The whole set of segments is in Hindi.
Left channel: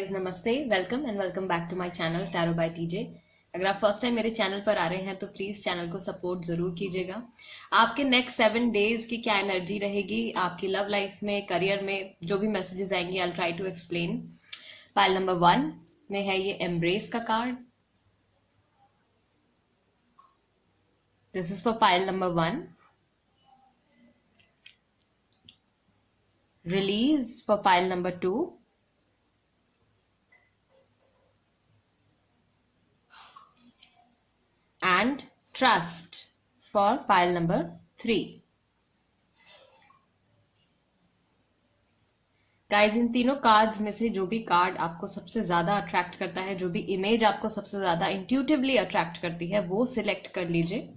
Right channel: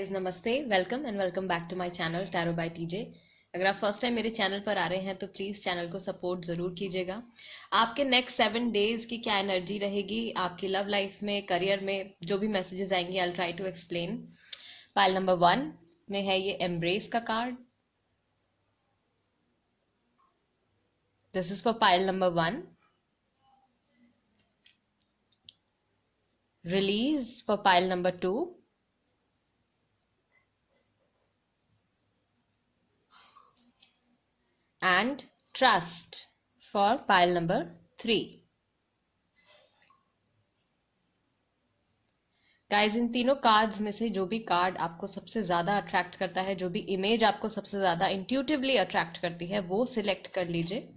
गाइस नमस्ते, welcome and welcome back to my channel tarot by TJ. अगर आप फर्स्ट टाइम मेरे चैनल पर आ रहे हैं तो प्लीज चैनल को सपोर्ट जरूर कीजिएगा। आपके नेक्स्ट 7 डेज की क्या एनर्जी रहेगी आपकी लव लाइफ में, करियर में, जो भी मैसेजेस आएंगे I will try to explain. Pile number 1 में है ये एम्ब्रेस का card. This is for pile number 1। Release for pile number 2। and trust for pile number 3. Guys इन तीनों कार्ड्स में से जो भी कार्ड आपको सबसे ज्यादा अट्रैक्ट करता है, जो भी इमेज आपको सबसे ज्यादा इंट्यूटिवली अट्रैक्ट करती है, वो सिलेक्ट कर लीजिए।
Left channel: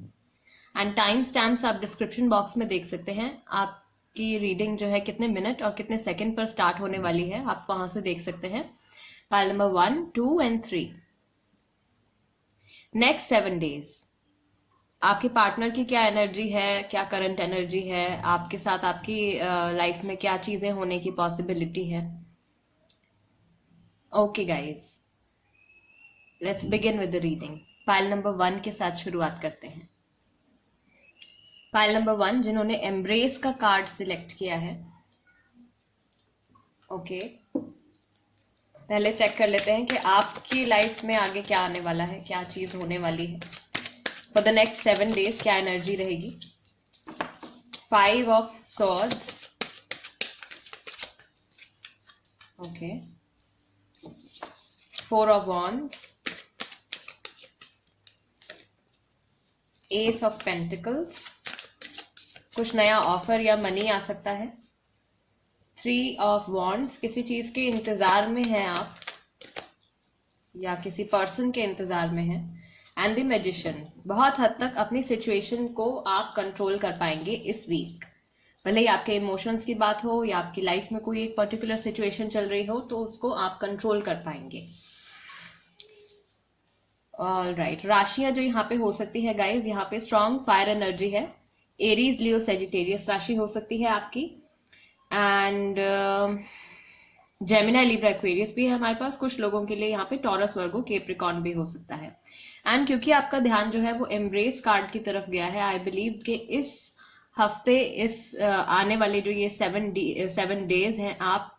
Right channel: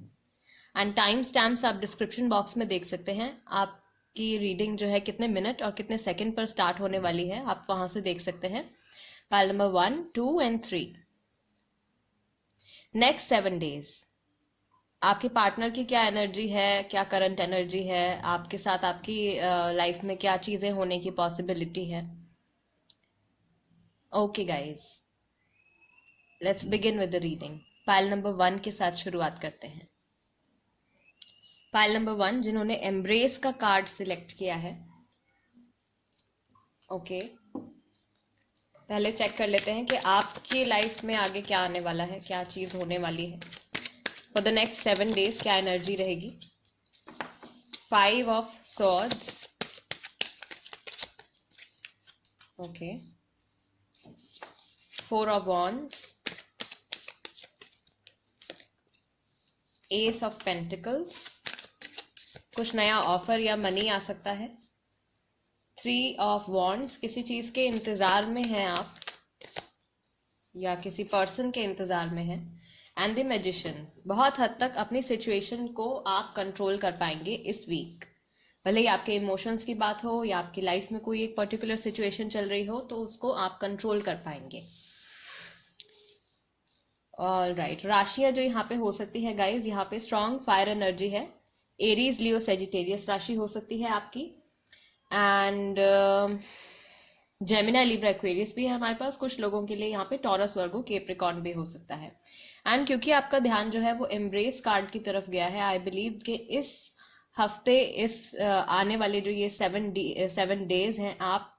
एंड टाइम स्टैम्प्स आप डिस्क्रिप्शन बॉक्स में देख सकते हैं। आपकी रीडिंग जो है कितने मिनट और कितने सेकंड पर स्टार्ट होने वाली है, आप वहां से देख सकते हैं। Pile number 1, 2 and 3। Next 7 days आपके पार्टनर की क्या एनर्जी है, क्या करंट एनर्जी है, आपके साथ आपकी लाइफ में क्या चीजें होने की पॉसिबिलिटी है। Okay guys, let's begin with the reading. Pile number 1 के साथ शुरुआत करते हैं। पाइल नंबर 1 जिन्होंने एम्ब्रेस का कार्ड सिलेक्ट किया है, ओके पहले चेक कर लेते हैं कि आपकी लाइफ में आगे क्या आने वाला है, क्या चीज होने वाली है। फॉर द नेक्स्ट 7 डेज क्या एनर्जी रहेगी। 5 of swords, okay 4 of wands, S of pentacles, कुछ नया ऑफर या मनी आ सकता है। 3 ऑफ वॉन्ड्स, किसी चीज के इंतजार में हैं आप या किसी पर्सन के इंतजार में हैं। एंड द मैजिशियन, बहुत हद तक अपनी सिचुएशन को आप कंट्रोल कर पाएंगे इस वीक। भले ही आपके इमोशंस की बात हो या आपकी लाइफ में कोई एक पर्टिकुलर सिचुएशन चल रही हो, तो उसको आप कंट्रोल कर पाएंगे। ऑलराइट, राशियां जो यहाँ पे हो सकती है गाइज, यहाँ पे स्ट्रॉन्ग फायर एनर्जी है। एरीज, लियो, सेजिटेरियस राशि हो सकती है आपकी। एंड जेमिनी, लिब्रा, एक्वेरियस भी है हमारे पास। कुछ लोगों के लिए यहाँ पे टॉरस, वर्गो, केप्रिकॉर्न भी हो सकता है। एंड क्योंकि आपका ध्यान जो है वो एम्ब्रेस कार्ड की तरफ गया है, आई बिलीव कि इस हफ्ते, इस आने वाले जो ये 7 डेज हैं, आप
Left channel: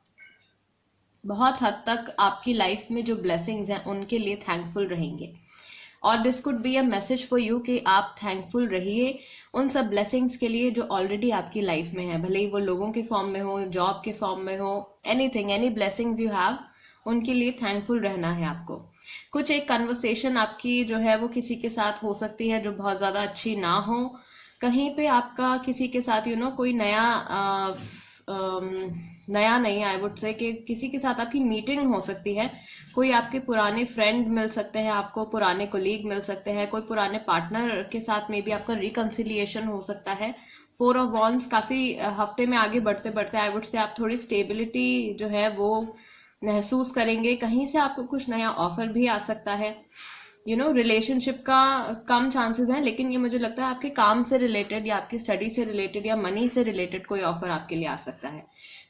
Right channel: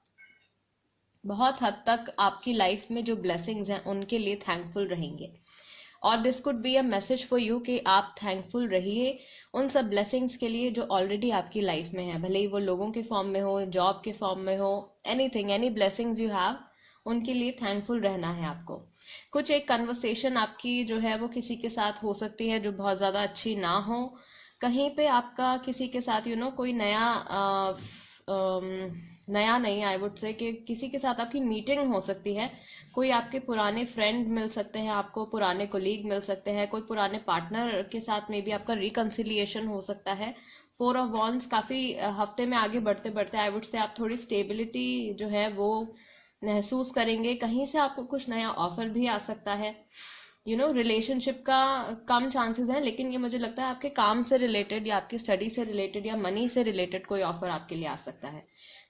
बहुत हद तक आपकी लाइफ में जो ब्लेसिंग्स हैं उनके लिए थैंकफुल रहेंगे। और this could be a message for you कि आप थैंकफुल रहिए उन सब ब्लेसिंग्स के लिए जो ऑलरेडी आपकी लाइफ में है। भले ही वो लोगों के फॉर्म में हो, जॉब के फॉर्म में हो, anything, any blessings you have, उनके लिए थैंकफुल रहना है आपको। कुछ एक कन्वर्सेशन आपकी जो है वो किसी के साथ हो सकती है जो बहुत ज्यादा अच्छी ना हो। कहीं पे आपका किसी के साथ कोई नया नहीं, आई वुड से कि किसी के साथ आपकी मीटिंग हो सकती है। कोई आपके पुराने फ्रेंड मिल सकते हैं आपको, पुराने कोलीग मिल सकते हैं, कोई पुराने पार्टनर के साथ में भी आपका रिकंसिलिएशन हो सकता है। 4 ऑफ वॉन्ड्स, काफी हफ्ते में आगे बढ़ते बढ़ते आई वुड से आप थोड़ी स्टेबिलिटी जो है वो महसूस करेंगे। कहीं से आपको कुछ नया ऑफर भी आ सकता है। रिलेशनशिप का कम चांसेस हैं, लेकिन ये मुझे लगता है आपके काम से रिलेटेड या आपकी स्टडी से रिलेटेड या मनी से रिलेटेड कोई ऑफर आपके लिए आ सकता है।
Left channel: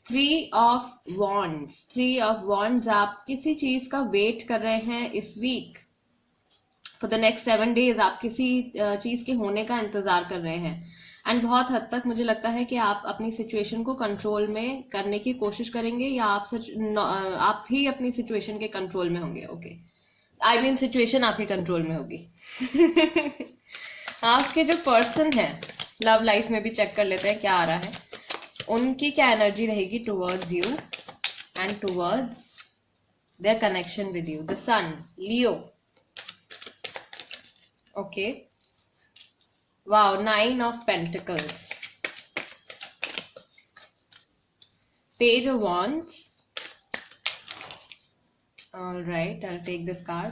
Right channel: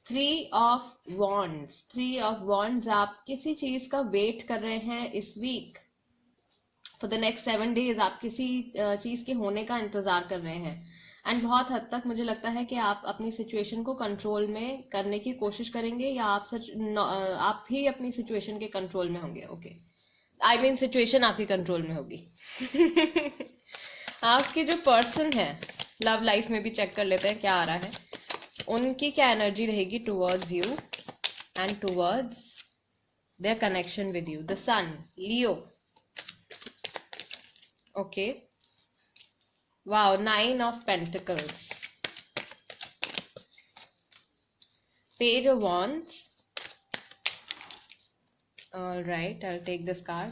3 ऑफ वॉन्ड्स, आप किसी चीज का वेट कर रहे हैं इस week. For the next 7 days आप किसी चीज के होने का इंतजार कर रहे हैं। एंड बहुत हद तक मुझे लगता है कि आप अपनी सिचुएशन को कंट्रोल में करने की कोशिश करेंगे, या आप ही अपनी सिचुएशन के कंट्रोल में होंगे। ओके, आई मीन सिचुएशन आपके कंट्रोल में होगी। आपके जो पर्सन है लव लाइफ में भी चेक कर लेते हैं क्या आ रहा है। उनकी क्या एनर्जी रहेगी towards you and towards their connection with you. The sun, Leo, okay wow, 9 of pentacles, page of wands. All right, I'll take this card.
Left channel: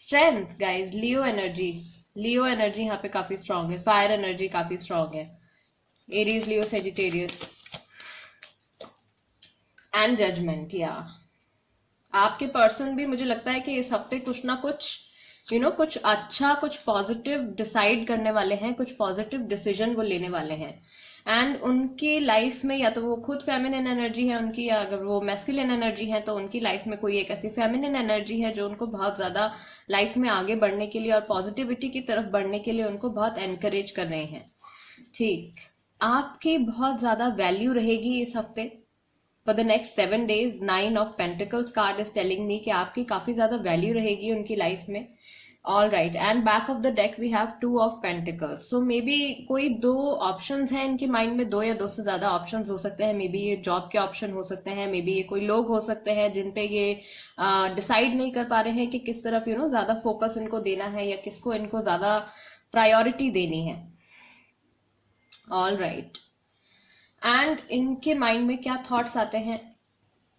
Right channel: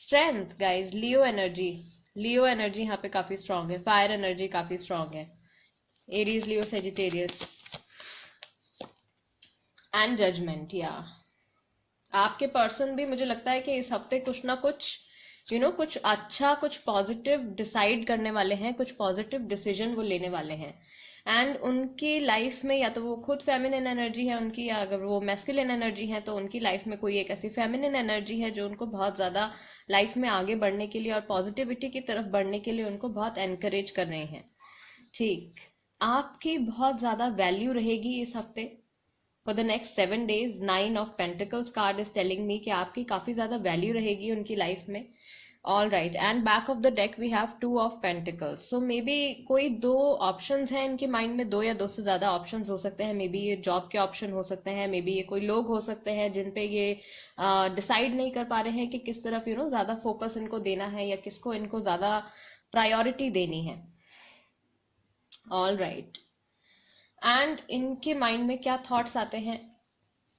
Strength, guys, Leo energy यहाँ पे काफी स्ट्रांग है। फायर एनर्जी काफी स्ट्रांग है। Aries, Leo, Sagittarius and judgement. या आपके पर्सन भी मुझे लगता है कि इस हफ्ते कुछ ना कुछ कुछ अच्छा, कुछ पॉजिटिव डिसाइड करने वाले हैं, कुछ पॉजिटिव डिसीजन वो लेने वाले हैं। एंड उनके लाइफ में या तो वो खुद फेमिनिन एनर्जी है उनकी, या अगर वो मैस्कुलिन एनर्जी है तो उनकी लाइफ में कोई एक ऐसी फेमिनिन एनर्जी है जो उनको बहुत ज्यादा लाइफ में आगे बढ़ने के लिए और पॉजिटिविटी की तरफ बढ़ने के लिए उनको बहुत एनकरेज कर रहे हैं। ठीक, आपकी बहुत ज्यादा वैल्यू रहेगी इस हफ्ते for the next 7 days। 9 of Pentacles card is telling me कि आपकी काफी ज्यादा वैल्यू रहेगी उनकी लाइफ में। All right, and back of the deck we have 2 of Pentacles। So maybe कोई दो ऑप्शंस हैं इनके माइंड में, दो या दो से ज्यादा ऑप्शंस हो सकते हैं। मे बी ये जॉब के ऑप्शन हो सकते हैं, मे बी ये कोई लोग हो सकते हैं जिन पे ये डिसाइड नहीं कर पा रहे हैं कि किस तरफ ज्यादा फोकस इनको देना है या किसको इनको ज्यादा प्रायोरिटी देनी है। ऑल राइट, एंड इनके माइंड में क्या थॉट्स आते हैं,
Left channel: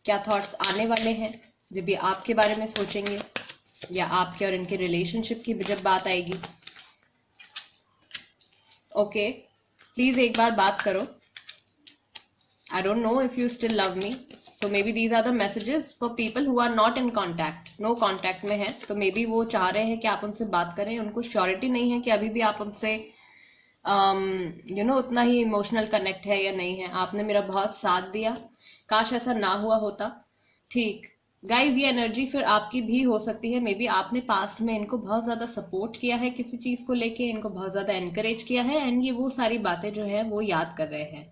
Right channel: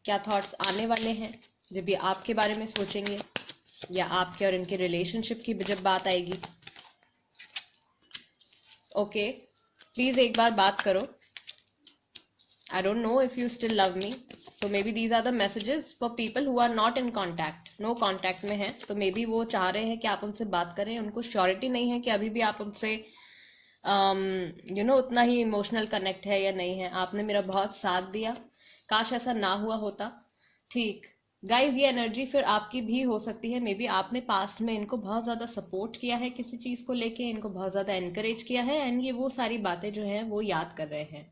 क्या थॉट्स आने वाले हैं जब ये आपके बारे में सोचेंगे या आपके और इनके रिलेशनशिप की जब बात आएगी। ओके, प्लीज एक बार बात करो। I don't know if you still love me, so maybe these are the messages for people who are not in contact, no contact में है, तो मे बी वो चाह रहे हैं कि आप उनसे बात करें। उनको श्योरिटी नहीं है कि अभी भी आप उनसे उतना ही इमोशनल कनेक्ट है या नहीं है। आपने मेरा बहुत साथ दिया, काश ऐसा ना हुआ होता। ठीक गाइज, ये एनर्जी फिर आपकी भी हो सकती है। मे बी आपने पास्ट में इनको बहुत ज्यादा सपोर्ट किया है किसी चीज को लेके, इनको बहुत ज्यादा एनकरेज किया है, एंड ये वो सारी बातें जो है वो याद कर रहे हैं।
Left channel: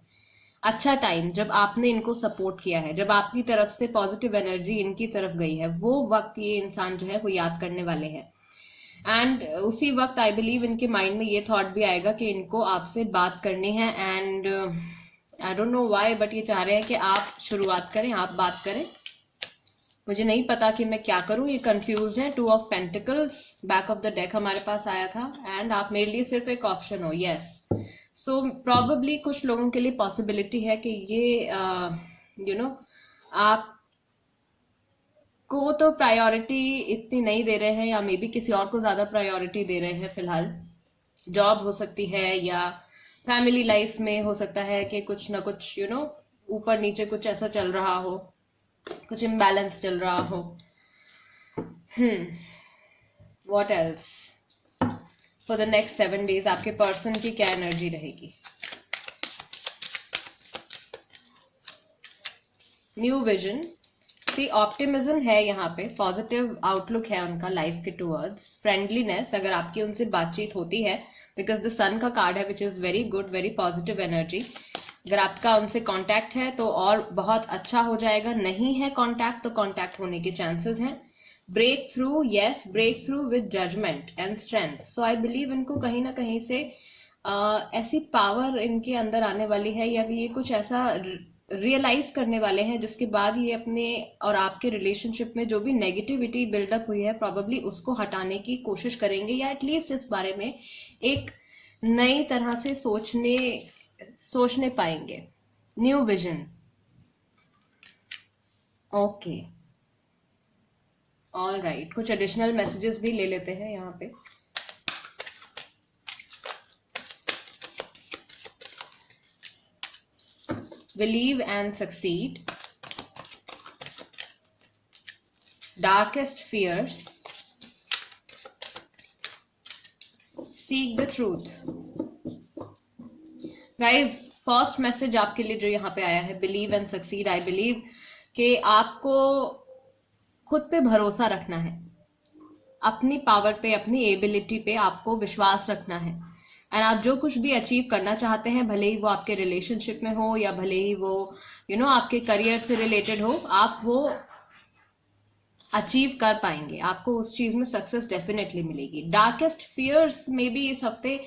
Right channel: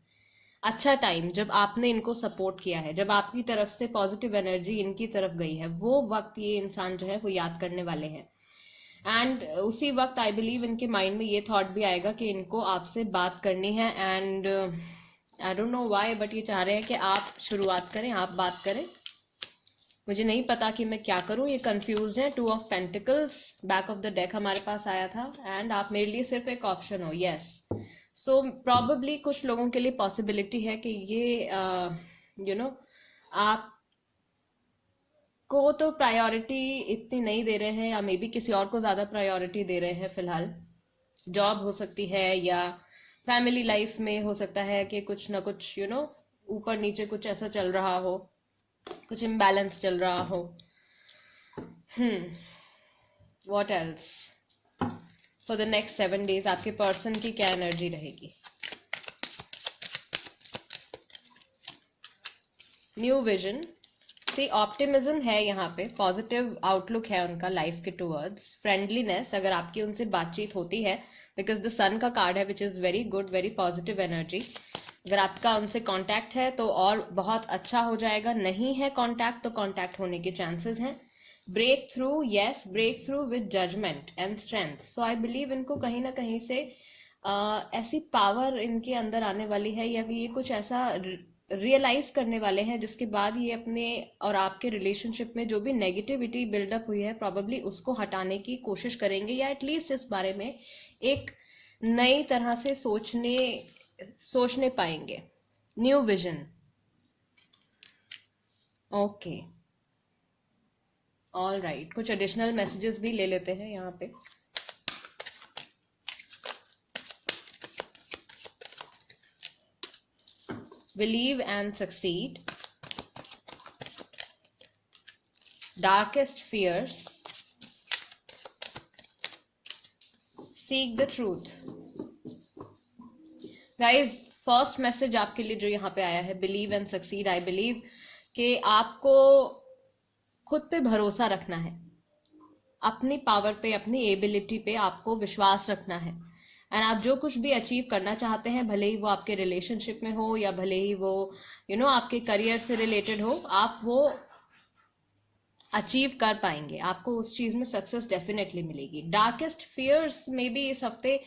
अच्छा टाइम जब आपने इनको सपोर्ट किया है, जब आपकी तरफ से पॉजिटिव एनर्जी इनकी तरफ गई है, वो वक्त ये इंसान जो है वो याद करने वाले हैं। एंड उसी वक्त आई बिलीव इनके माइंड में ये थॉट भी आएगा कि इनको आपसे बात करनी है। And I don't know why, but ये चाह रहे हैं कि आप शुरुआत करें, आप बात करें। मुझे नहीं पता कि मैं क्या करूं, ये कंफ्यूज है। 2 of Pentacles back of the deck हमारे पास आया था, एंड आप मेरे लिए सिर्फ एक ऑप्शन हो। यस, सो प्रॉबेबली कुछ लोगों के लिए पॉसिबिलिटी है कि ये आप को तो प्रायोरिटी इतनी नहीं दे रहे हैं, या मे बी किसी और को ज्यादा प्रायोरिटी दे रहे हैं फिलहाल। जॉब हो सकती है, या फैमिली लाइफ में हो सकता है कि कुछ ना कुछ ऊपर नीचे कुछ ऐसा चल रहा हो, कुछ इम्बैलेंस चल रहा हो। What else for the next 7 days आपके पर्सन की क्या एनर्जी रहेगी। न्यू विजन, सी ऑप्टिमिज्म है यहाँ पे, पॉजिटिव आउटलुक है उनका लाइफ के टुवर्ड्स। फ्रेंडलीनेस, अगर आपकी उनसे बातचीत होती है, बिकॉज द सन का कार्ड है which is very good, very positive energy. अगर आपका उनसे कांटेक्ट है तो और बहुत अच्छा हो जाएगा, नहीं है कांटेक्ट तो कांटेक्ट होने के चांसेस हैं। Breakthrough, yes, breakthrough with judgement and strength. So I believe इनको कहीं ना कहीं से ऐसी पावर इनके अंदर आने वाली है, या ये कुछ ऐसा रियलाइज करने वाले हैं जिसके बाद ये अपने और आपके रिलेशनशिप में जो भी नेगेटिविटी बिल्डअप हुई है प्रॉबेबली उसको हटाने की कोशिश करेंगे, या एटलीस्ट इस बारे में एक नई तरह से सोचने पाएंगे। New vision, okay, all right. कुछ एडिशनल मैसेजेस भी ले लेते हैं यहाँ पे। Believe and succeed. Darkest fears. Seek the truth. Guys, first message आपके लिए जो यहाँ पे आया है, believe and succeed. I believe कि आपको खुद पे भरोसा रखना है, अपनी पावर पे, अपनी एबिलिटी पे आपको विश्वास रखना है। एंड आप जो कुछ भी अचीव करना चाहते हैं, भले ही वो आपके रिलेशनशिप में हो या भले ही वो आपके करियर से रिलेटेड हो, आप वो अचीव कर पाएंगे। आपको उस चीज में सक्सेस डेफिनेटली मिलेगी। डार्केस्ट फियर्स में भी इस हफ्ते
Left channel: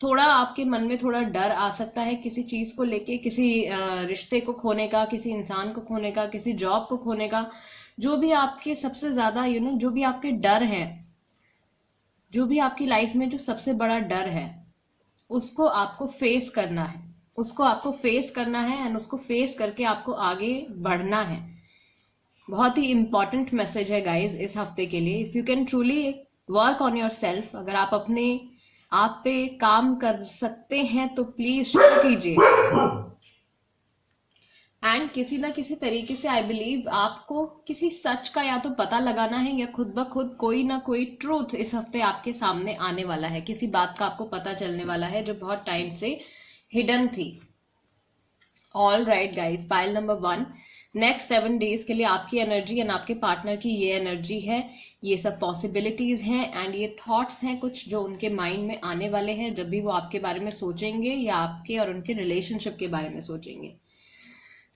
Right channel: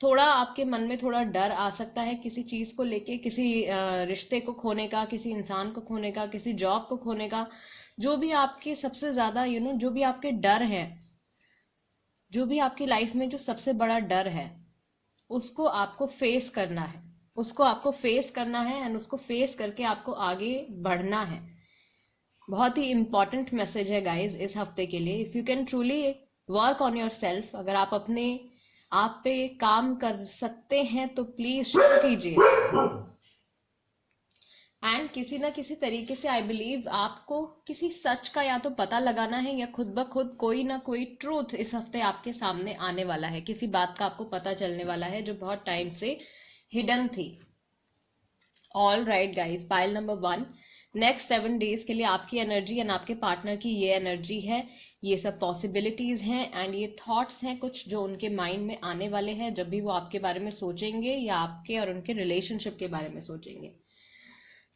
थोड़ा आपके मन में थोड़ा डर आ सकता है किसी चीज को लेके, किसी रिश्ते को खोने का, किसी इंसान को खोने का, किसी जॉब को खोने का। जो भी आपके सबसे ज्यादा जो भी आपके डर हैं, जो भी आपकी लाइफ में जो सबसे बड़ा डर है, उसको आपको फेस करना है, उसको आपको फेस करना है एंड उसको फेस करके आपको आगे बढ़ना है। बहुत ही इंपॉर्टेंट मैसेज है गाइज इस हफ्ते के लिए। If you can truly work on your self, अगर आप अपने आप पे काम कर सकते हैं तो प्लीज शुरू कीजिए। एंड किसी ना किसी तरीके से आई बिलीव आपको किसी सच का या तो पता लगाना है, या खुद ब खुद कोई ना कोई ट्रूथ इस हफ्ते आपके सामने आने वाला है। किसी बात का आपको पता चलने वाला है जो बहुत टाइम से हिडन थी। All right guys, pile number 1, next 7 days के लिए आपकी एनर्जी एंड आपके पार्टनर की ये एनर्जी है, ये सब पॉसिबिलिटीज हैं एंड ये थॉट्स हैं कुछ जो उनके माइंड में आने वाले हैं जब भी वो आपके बारे में सोचेंगे या आपके और उनके रिलेशनशिप के बारे में सोचेंगे।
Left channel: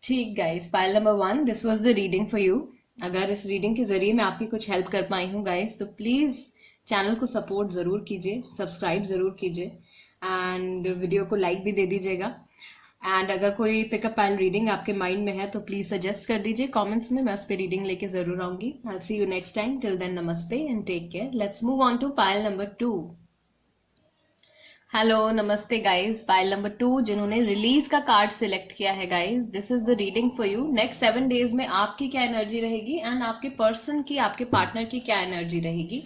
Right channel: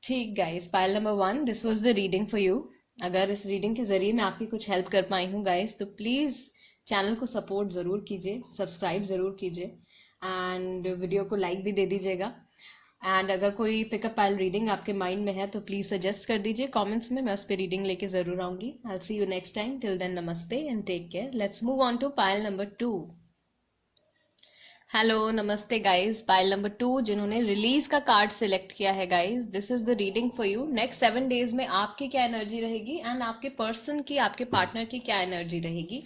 ठीक guys, pile number 1, this was the reading for you. अगर इस रीडिंग के जरिए मैं आपकी कुछ हेल्प कर पाई हूँ गाइज, तो प्लीज चैनल को सपोर्ट जरूर कीजिए, सब्सक्राइब जरूर कीजिए एंड वीडियो को लाइक भी दे दीजिएगा। एंड अगर कोई पिकअप पाइल रीडिंग आपके माइंड में है तो प्लीज सजेस्ट कर दीजिए कमेंट्स में, मैं उस पर रीडिंग लेके जरूर आऊंगी। I will see you next time, till then नमस्ते and take care. Let's move on to pile number 2। Hello, नमस्ते गाइज। पाइल नंबर 2 जिन्होंने रिलीज का कार्ड सिलेक्ट किया है guys, this is the reading for you. Next 7 days में आपकी क्या एनर्जी रहेगी एंड आपके पर्सन की, आपके पार्टनर की क्या एनर्जी रहेगी।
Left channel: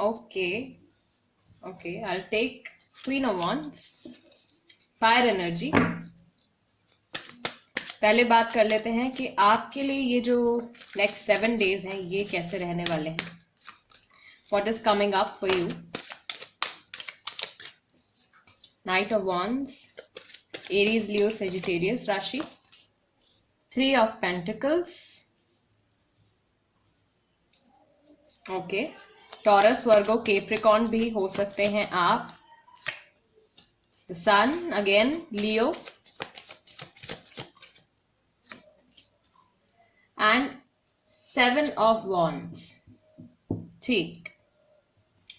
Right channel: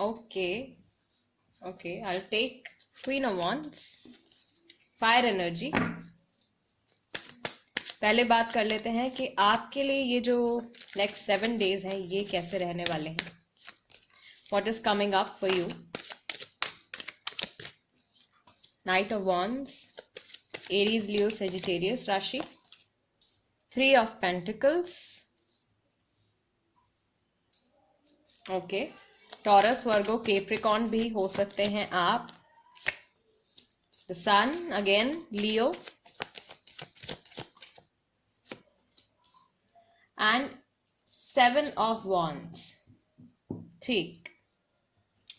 Okay okay, I will take queen of wands, fire energy. पहले बात कर लेते हैं कि आपके लिए ये जो नेक्स्ट 7 डेज हैं ये कैसे रहने वाले हैं। What is coming up for you. Knight of wands, Aries, Leo, Sagittarius राशि। 3 of pentacles, okay. Taurus, Virgo, Capricorn भी हो सकते हैं आप। The sun again, Leo and 7 of wands. ठीक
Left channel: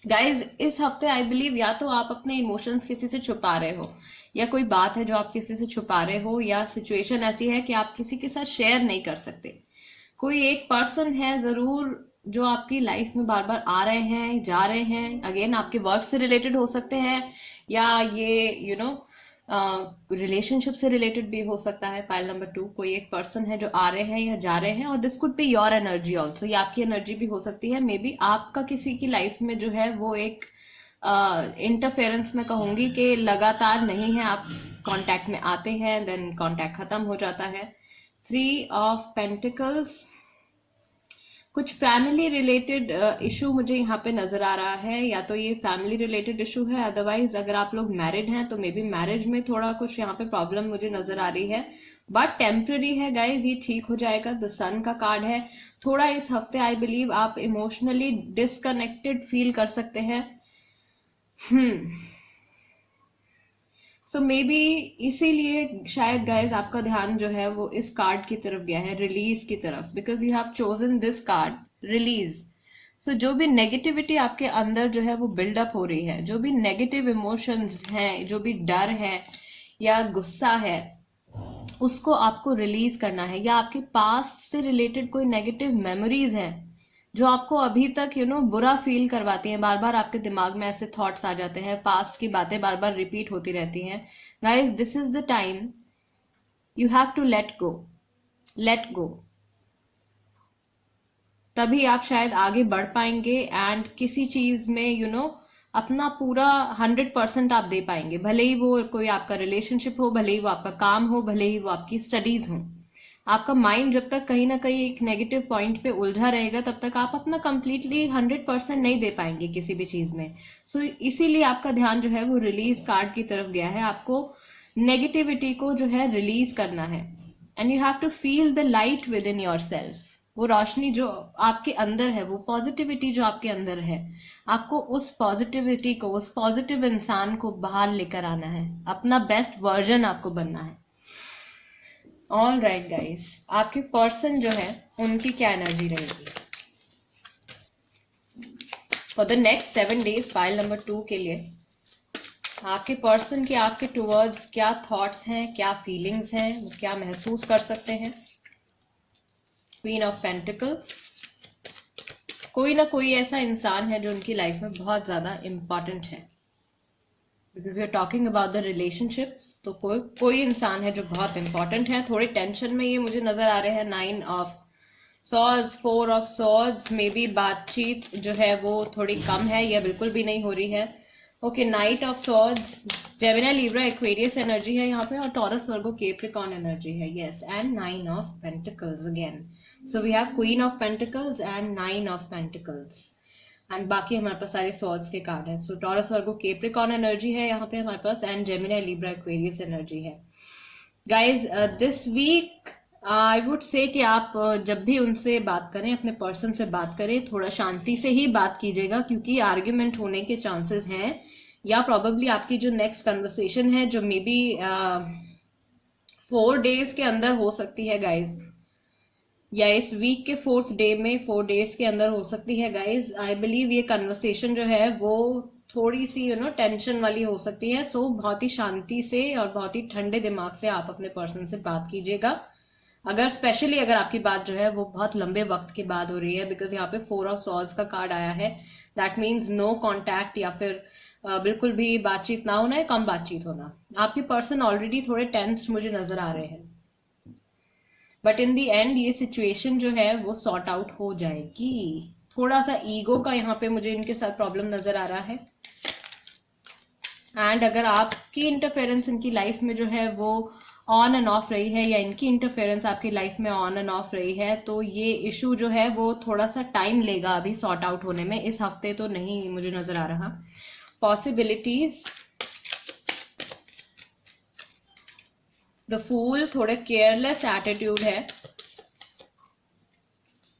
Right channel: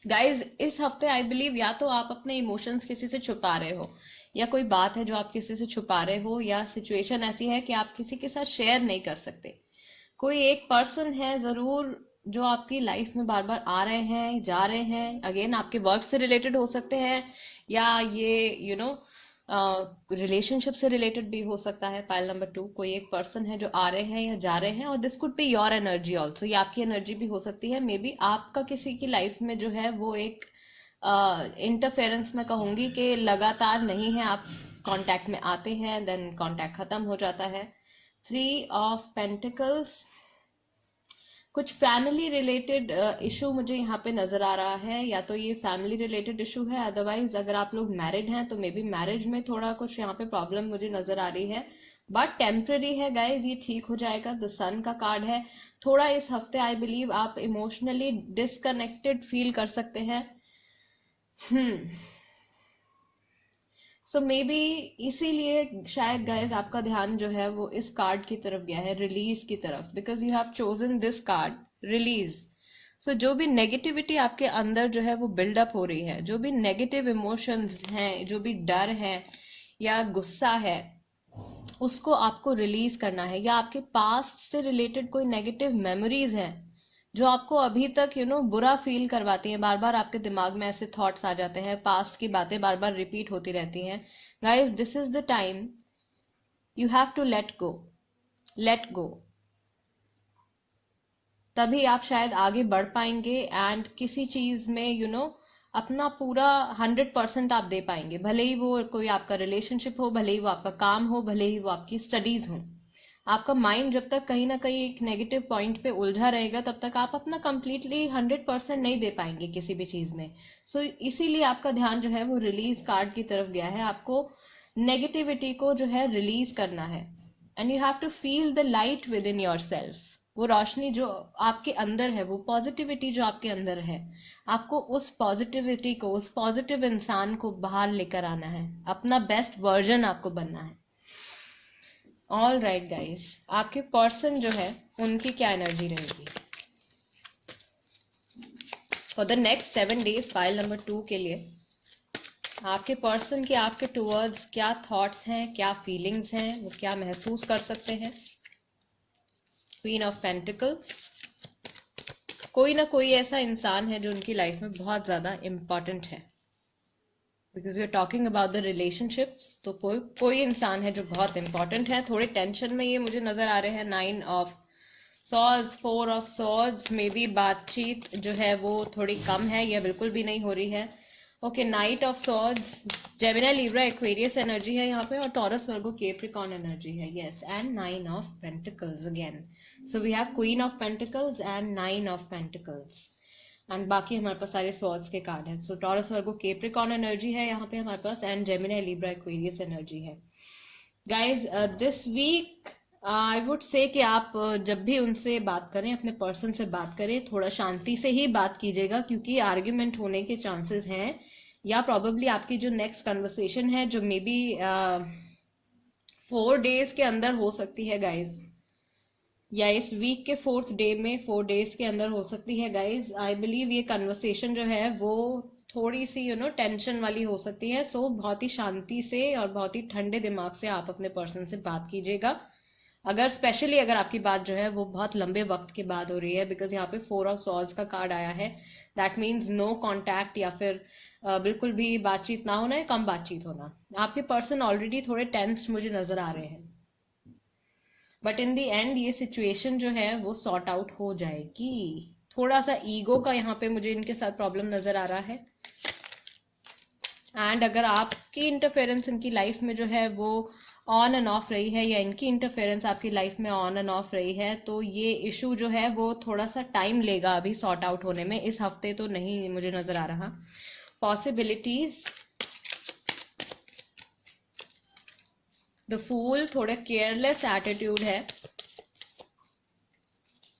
गाइज, इस हफ्ते आई बिलीव या तो आप अपने इमोशंस किसी से छुपा रहे हो, या कोई बात है जो आप किसी से छुपा रहे हो, या सिचुएशन ऐसी है कि आप किसी के साथ शेयर नहीं कर सकते। कोई एक पर्सन है जरूर जो आपकी लाइफ में बार बार आ रहे हैं, जा रहे हैं। अगेन आपके वर्क से रिलेटेड हो सकते हैं, या ये रिलेशनशिप से रिलेटेड भी हो सकता है। पाइल नंबर 2, कोई एक पर्सन है जो आ रहे हैं या जा रहे हैं, और this could be your energy also, ये आपकी एनर्जी भी हो सकती है। मे बी आपका किसी की लाइफ में जो है वो एक इंटरफेरेंस में कहूंगी कि लगातार नहीं है, आप कांटेक्ट में आते हैं देन कांटेक्ट खत्म हो जाता है। 3 ऑफ पेंटिकल्स, कुछ फैमिली रिलेटेड इशू मुझे यहाँ पे नजर आ रहा है, या तो ये फैमिली रिलेटेड इशू है, अदरवाइज अगर आप लोग मैरिड हैं तो मे बी मैरिज में थोड़ा कुछ यहाँ पे प्रॉब्लम मुझे नजर आ रही है, बट टेम्पररी है गाइज, ये ठीक हो जाएगा। द सन का कार्ड है। थोड़ा इस हफ्ते आई बिलीव आप इमोशनली डिसकनेक्टेड फील कर सकते हैं। सो मे बी इसीलिए शायद गाइज आपका ध्यान जो है वो इस कार्ड की तरफ गया है, रिलीज की तरफ, because you have chosen this card, release. So जो भी नेगेटिविटी आपके अंदर जो है वो बिल्डअप हो रही है, जो भी नेगेटिव इमोशंस हैं, जो भी डर है या गुस्सा है, उसको आपको रिलीज करना है। या आपके पास्ट से रिलेटेड कोई नेगेटिव मेमोरीज है जो आपको अभी तक बुरा फील करवाती हैं, बार बार आपके दिमाग में ऐसे थॉट्स आ जाते हैं, पास्ट की बातें बार बार रिपीट होती रहती हैं। Guys, this is the time you have to let go, let go. तभी आप शायद आगे बढ़ पाएंगे एंड किसी चीज में अपना पूरा 100% आप दे पाएंगे, भले ही वो कोई आपका रिलेशनशिप हो, भले ही वो आपका काम हो, भले ही वो आपकी स्टडीज हो। आपका माइंड जब तक कहीं ना कहीं एक नेगेटिव पॉइंट पे उलझा रहेगा तब तक आप अपना कंप्लीटली 100% नहीं दे पाएंगे किसी भी चीज में। सो इसीलिए आपका ध्यान जो है वो रिलीज कार्ड की तरफ गया है। आपको नेगेटिविटी को जो है रिलीज करना है and you have to feel the light within yourself. वो रोशनी जो आपके अंदर है, वो पॉजिटिविटी जो आपके अंदर है, आपको उस पॉजिटिविटी को, उस पॉजिटिव इंसान को बाहर लेकर आना है, अपना बेस्ट वर्जन आपको बनना है। ऑल राइट गाइस, आपके पर्सन जो है उनकी क्या एनर्जी रहेगी for the next 7 days. Pile number 2 के लिए आपके पर्सन के आपके टुवर्ड्स क्या थॉट्स हैं, क्या फीलिंग्स हैं, वो क्या महसूस कर सकते हैं। क्वीन ऑफ पेंटिकल्स, कोई ना कोई ऐसा इंसान है जो उनकी लाइफ में बहुत ज्यादा इंपॉर्टेंट है, because you are talking about the relationships. तो कोई इंसान है जो बहुत इंपॉर्टेंट है। थोड़ी टेंशन में ये मुझे नजर आ रहे हैं। 9 of swords, 4 of swords, may be बातचीत जो है वो थोड़ी कम है या बिल्कुल भी नहीं हो रही है। Okay, knight of swords, Gemini, Libra, Aquarius energy है यहाँ पे, और टॉरस, वर्गो, कैप्रिकॉर्न एनर्जी है। Yes, and 9 of pentacles again. So we have queen of pentacles and 9 of pentacles, and बाकी हमारे पास सारे सॉर्ड्स के कार्ड हैं। So Taurus, Virgo, Capricorn energy है यहाँ पे हमारे पास, and Gemini, Libra, Aquarius energy है। Guys this week I would say कि आप जब भी उनसे बात करें, अपने पर्सन से बात करें, थोड़ा शांति से ही बात कीजिएगा, क्योंकि आर्ग्यूमेंट होने के चांसेस हैं, या प्रॉबेबली आपकी जो नेक्स्ट कन्वर्सेशन है जो मे बी 4 डेज के अंदर हो सकती है गाइज, या इस वीक के 4th डे में 4 डेज के अंदर हो सकती है गाइज। आई बिलीव ये कन्वर्सेशन जो है वो थोड़ी सी टेंशन वाली हो सकती है। सो बहुत ही शांति से और बहुत ही ठंडे दिमाग से आप अपने पर्सन से बात कीजिएगा। अगर स्पेशली अगर आपकी बात जो है वो बहुत लंबे वक्त के बाद हो रही है, बिकॉज यहाँ पे 4 ऑफ सॉर्ड्स का कार्ड आया है, दैट मीन्स नो कॉन्टैक्ट, या फिर बिल्कुल भी बातचीत ना होना है, कम बातचीत होना। आपके पर्सन ऑलरेडी थोड़े टेंस्ड मुझे नजर आ रहे हैं, बट इन दी एंड ये सिचुएशन जो है वो सॉर्ट आउट हो जाएगी। थोड़ा सा ईगो का यहाँ पे मुझे इनके साथ प्रॉब्लम नजर आ रहा है। एंड अगर आपकी इंटरफेरेंस इनकी लाइफ में जो है वो ऑन एंड ऑफ रही है, या इनकी इंटरफेरेंस आपकी लाइफ में ऑन एंड ऑफ रही है, तो ये इशू जो है वो थोड़ा सा टाइम लेगा अभी सॉर्ट आउट होने में। इस हफ्ते तो नहीं मुझे नजर आ रहा। पॉसिबिलिटीज, द फूल, थोड़े केयरलेस एटीट्यूड है।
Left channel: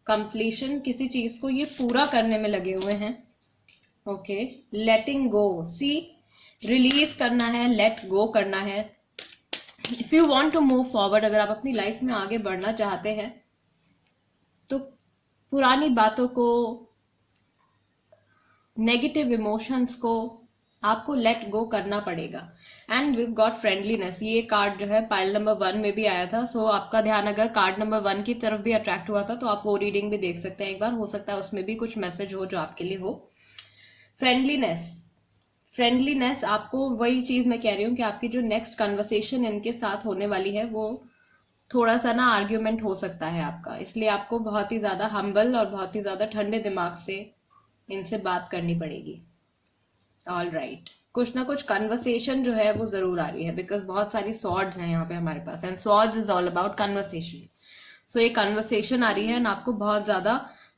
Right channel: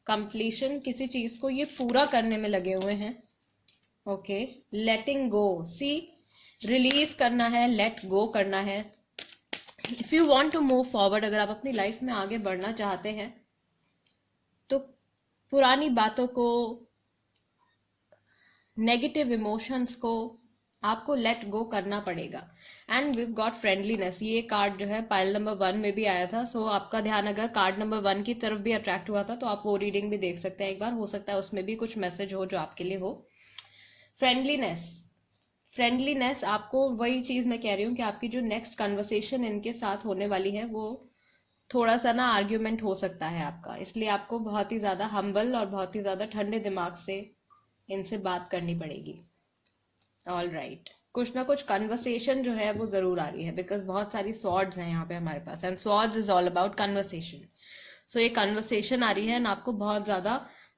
कंप्लीशन, किसी चीज को ये पूरा करने में लगे हुए हैं। ओके, लेटिंग गो, सी रिलीज करना है, लेट गो करना है। If you want to move forward, अगर आप अपनी लाइफ में आगे बढ़ना चाहते हैं तो पुरानी बातों को, नेगेटिव इमोशंस को आपको लेट गो करना पड़ेगा। एंड वी गॉट फ्रेंडलीनेस, ये कार्ड जो है पाइल नंबर 1 में भी आया था। सो आपका ध्यान अगर कार्ड नंबर 1 की तरफ भी अट्रैक्ट हुआ था तो आप वो रीडिंग भी देख सकते हैं एक बार, हो सकता है उसमें भी कुछ मैसेज हो जो आपके लिए हो। फ्रेंडलीनेस, फ्रेंडलीनेस आपको, वही चीज मैं कह रही हूँ कि आपकी जो नेक्स्ट कन्वर्सेशन इनके साथ होने वाली है वो थोड़ा सा ना आर्ग्यूमेंट हो सकता है आपका, इसलिए आपको बहुत ही ज्यादा हम्बल और बहुत ही ज्यादा ठंडे दिमाग से इनसे बात करनी पड़ेगी। ऑल राइट, कुछ ना कुछ कन्वर्सेशन जो है वो जरूर आ रही है, बिकॉज बहुत सारी सॉर्ड्स हैं यहाँ पे हमारे पास, and swords is all about conversation. So ये कन्वर्सेशन आ रही है, एंड आपको बहुत ज्यादा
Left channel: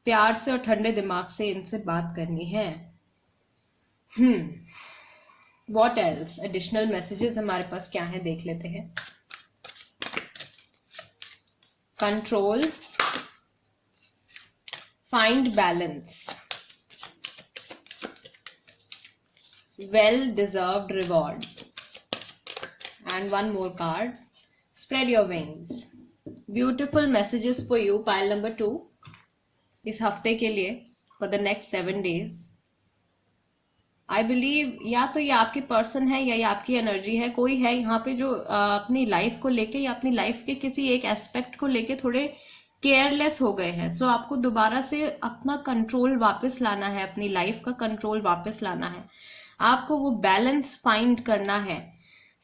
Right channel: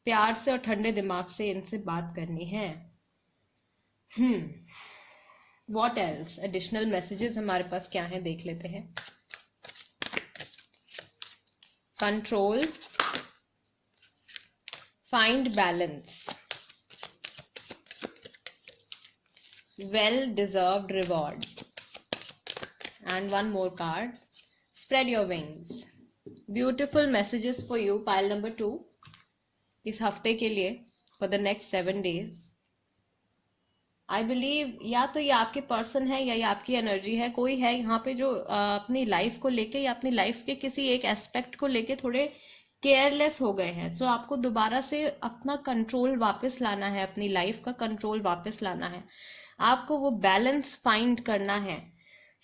प्यार से और ठंडे दिमाग से इनसे बात करनी है। व्हाट एल्स, एडिशनल मैसेजेस हमारे पास क्या है देख लेते हैं। Control, find balance, well deserved reward, and one more card, spread your wings. Beautiful messages for you, pile number 2, इस हफ्ते के लिए, for the next 7 days. I believe या तो ये आपके पर्सन है या ये आपकी एनर्जी है, कोई है यहाँ पे जो अपनी लाइफ को लेके या अपनी लाइफ के किसी एक एस्पेक्ट को लेके थोड़े केयरलेस हो गए हैं। सो आपको दोबारा से अपना कंट्रोल वापस लाना है, अपनी लाइफ का कंट्रोल वापस लाना है। आपको वो बैलेंस फाइंड करना है,